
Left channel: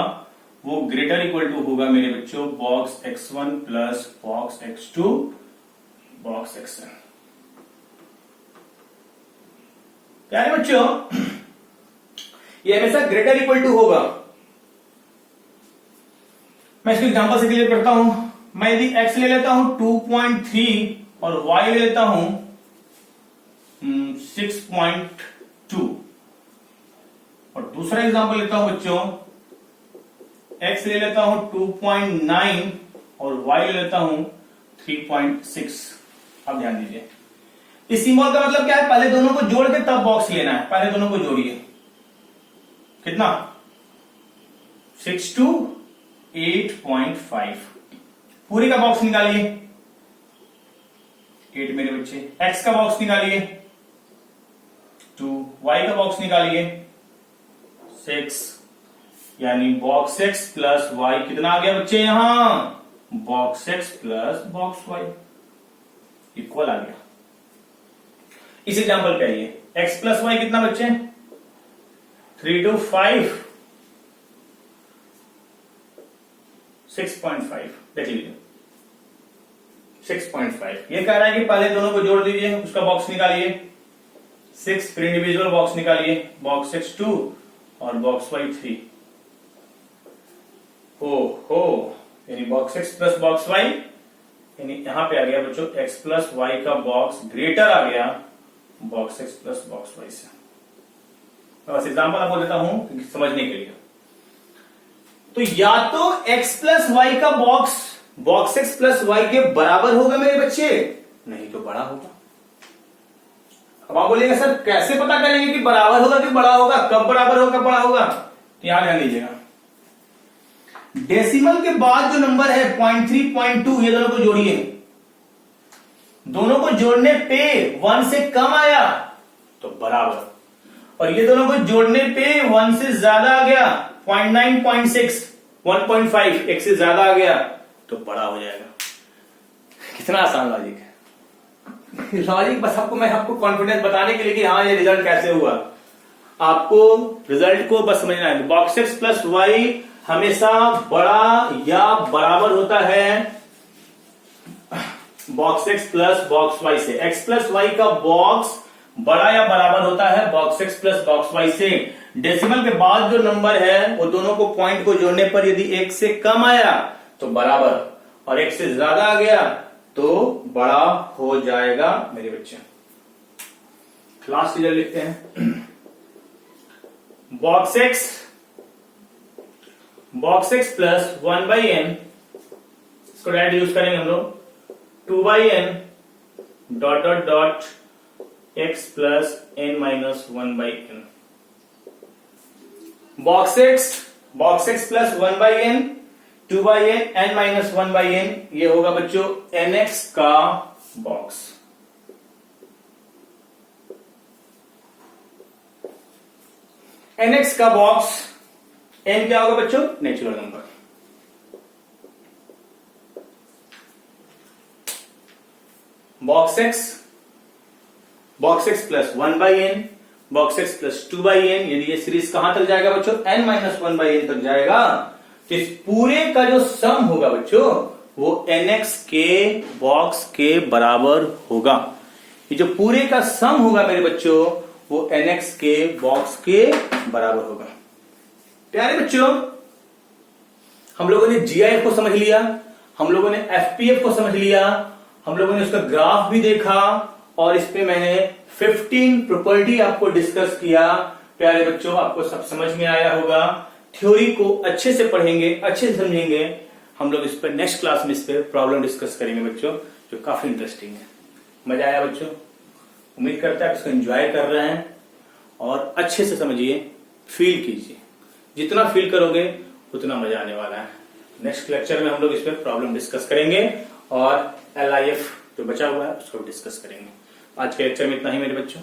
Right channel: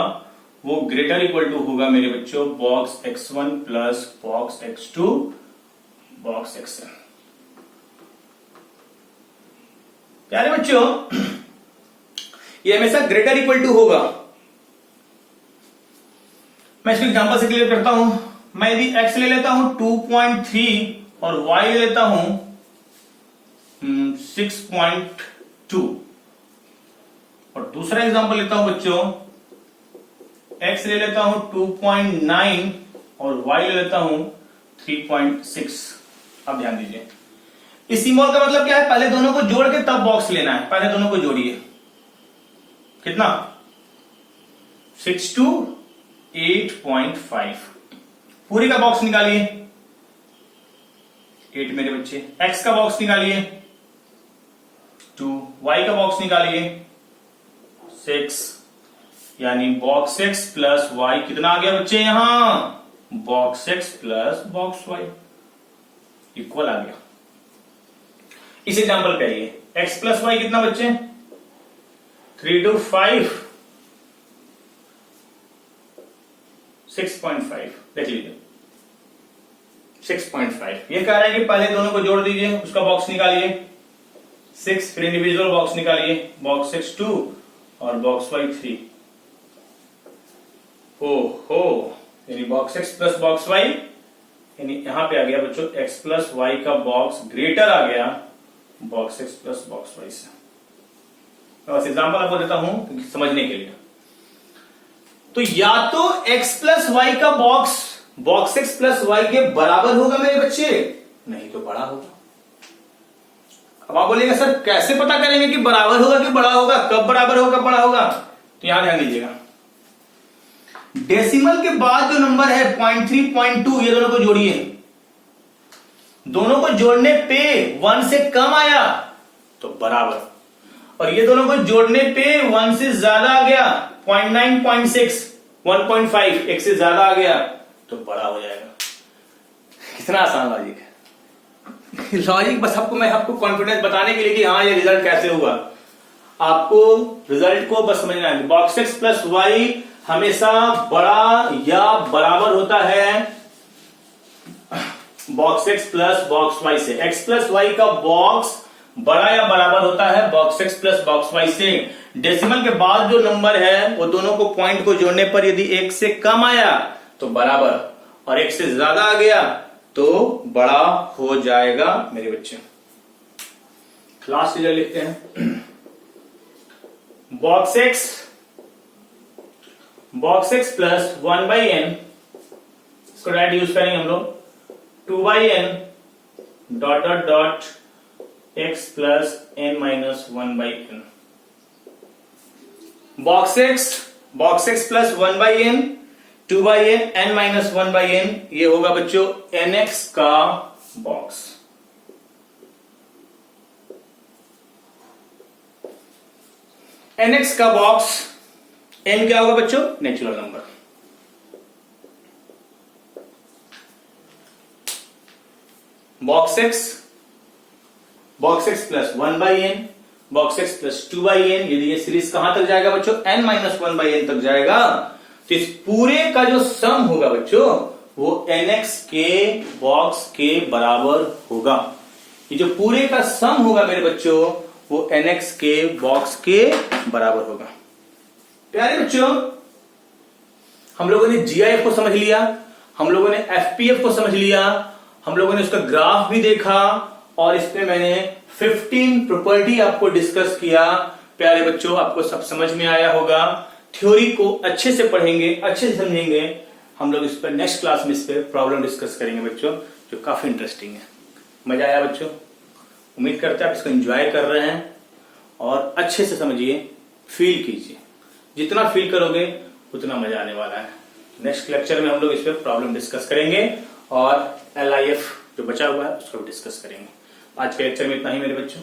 वो ग्रेटर इक्वल टू होगा मेरे बच्चों box x1 plus box x2 box xn। प्यारे बच्चों ये हमेशा ग्रेटर इक्वल टू होगा। मैं इसको एग्जांपल से क्लियर करता हूं। मैं यदि x ले लेता हूं 2.3 और y ले लेता हूं 6.2, और दूसरा एग्जांपल लेता हूं बच्चों, x ले लेता हूं 2.9 और y ले लेता हूं 3.6। अब ध्यान दीजिए, इस सिंबल का मतलब क्या है? पहले दोनों को जोड़ के तब बॉक्स लेना है। पहले दोनों को जोड़िए, कितना? 6 to 8.5। पूरी का बॉक्स निकालिए, 8 मेरे बच्चे। x का बॉक्स निकालिए 2, y का बॉक्स निकालिए 6, यानी बॉक्स x प्लस y कितना आ गया बच्चे? यहां box x plus box y equal आ गया। इस एग्जांपल पे आइए, x प्लस वाई कितना बच्चे? 3 to 5, 6.5। देख लीजिए 6.5। ये कह रहा है कि पहले दोनों को जोड़ दीजिए, उसका बॉक्स निकालिए 6, फिर इंडिविजुअल बॉक्स निकालिए, बॉक्स x 2 और बॉक्स y 3। हो यानी box x plus box y, यानी यहां पे आ गया बच्चों x प्लस वाई का बॉक्स ग्रेटर आ गया box x plus box y से। बस एग्जांपल आपको देता हूं समझने के लिए। तो या तो x प्लस वाई का box box x plus y के बराबर होगा मेरे बच्चे, नहीं तो बड़ा होगा। अब आप बोलेंगे सर कैसे पता करेंगे कि बराबर होगा कि बड़ा होगा? कब बराबर होगा कब बड़ा होगा? तो यहां ध्यान दीजिएगा, डेसिमल के बाद जो नंबर है 0.3 0.2, ये दोनों को जोड़िए। दोनों को जोड़ने पे 1 से कम आया तो बराबर, और ये दोनों को जोड़ने पे 1 से ज्यादा आ गया 0.9 0.6 1.5, एक से ज्यादा आ गया तो बड़ा हो जाएगा। कितना आसान लॉजिक है। लॉजिक बस मैं आपको कॉन्फिडेंस बताने के लिए कि हाँ ये रिजल्ट कैसे हुआ, आपको रिजल्ट को बस समझना है। बॉक्स x प्लस वाई हमेशा बड़ा या बराबर होता है box x plus box y से। x प्लस वाई का बॉक्स बड़ा या बराबर होता है box x plus box y से। डेसिमल के बाद जो नंबर है वो दोनों को पॉइंट को जोड़ने पर यदि 1 से कम आया तो बराबर, और 1 से ज्यादा आ गया तो बड़ा हो जाएगा मेरे बच्चे। लास्ट रिजल्ट लिखते हैं। बॉक्स एक्स प्लस 1/n, इसको डायरेक्ट यूज करेंगे हम लोग, 2/n dot dot dot x plus n minus 1/n। Box x plus 1/n 2/n n minus 1/n, ये होगा बच्चों nx का बॉक्स। nx का बॉक्स, n क्या होगा बच्चों? Natural number. Box x plus 1/n, box x plus 2/n, यदि ये सीरीज कहां तक जाएगा बच्चों? n माइनस 1/n तक जाएगा। तो इस पूरे का जो सम होगा बच्चों वो nx के बॉक्स के बराबर होगा। ये जो पूरे का सम होगा मेरे बच्चों वो nx के बॉक्स के बराबर होगा। प्यारे बच्चों, हम लोगों ने GIF को समझ लिया, हम लोगों ने FPF को समझ लिया, हम लोगों ने उसका ग्राफ भी देखा और इस पे मैंने 15 प्रॉपर्टी आपको डिस्कस किया। प्यारे बच्चों, आपको सब समझ में आया होगा। थ्योरी को अच्छे से पढ़ेंगे, अच्छे से समझेंगे। हम लोग इस पर नेक्स्ट क्लास में इस पर प्रॉब्लम डिस्कस करेंगे बच्चों, जो काफी इंटरेस्टिंग है। मजा आया बच्चों? उम्मीद करता है इसको एंजॉय कर रहे हैं और अच्छे से समझिए, फील कीजिए। जितना फील करोगे उतना मजा आने वाला है। नेक्स्ट लेक्चर में हम लोग इस पर प्रॉब्लम डिस्कस करेंगे और LIF जो बचा हुआ है उसको भी डिस्कस करेंगे। आज के लेक्चर में इतना ही मेरे बच्चों।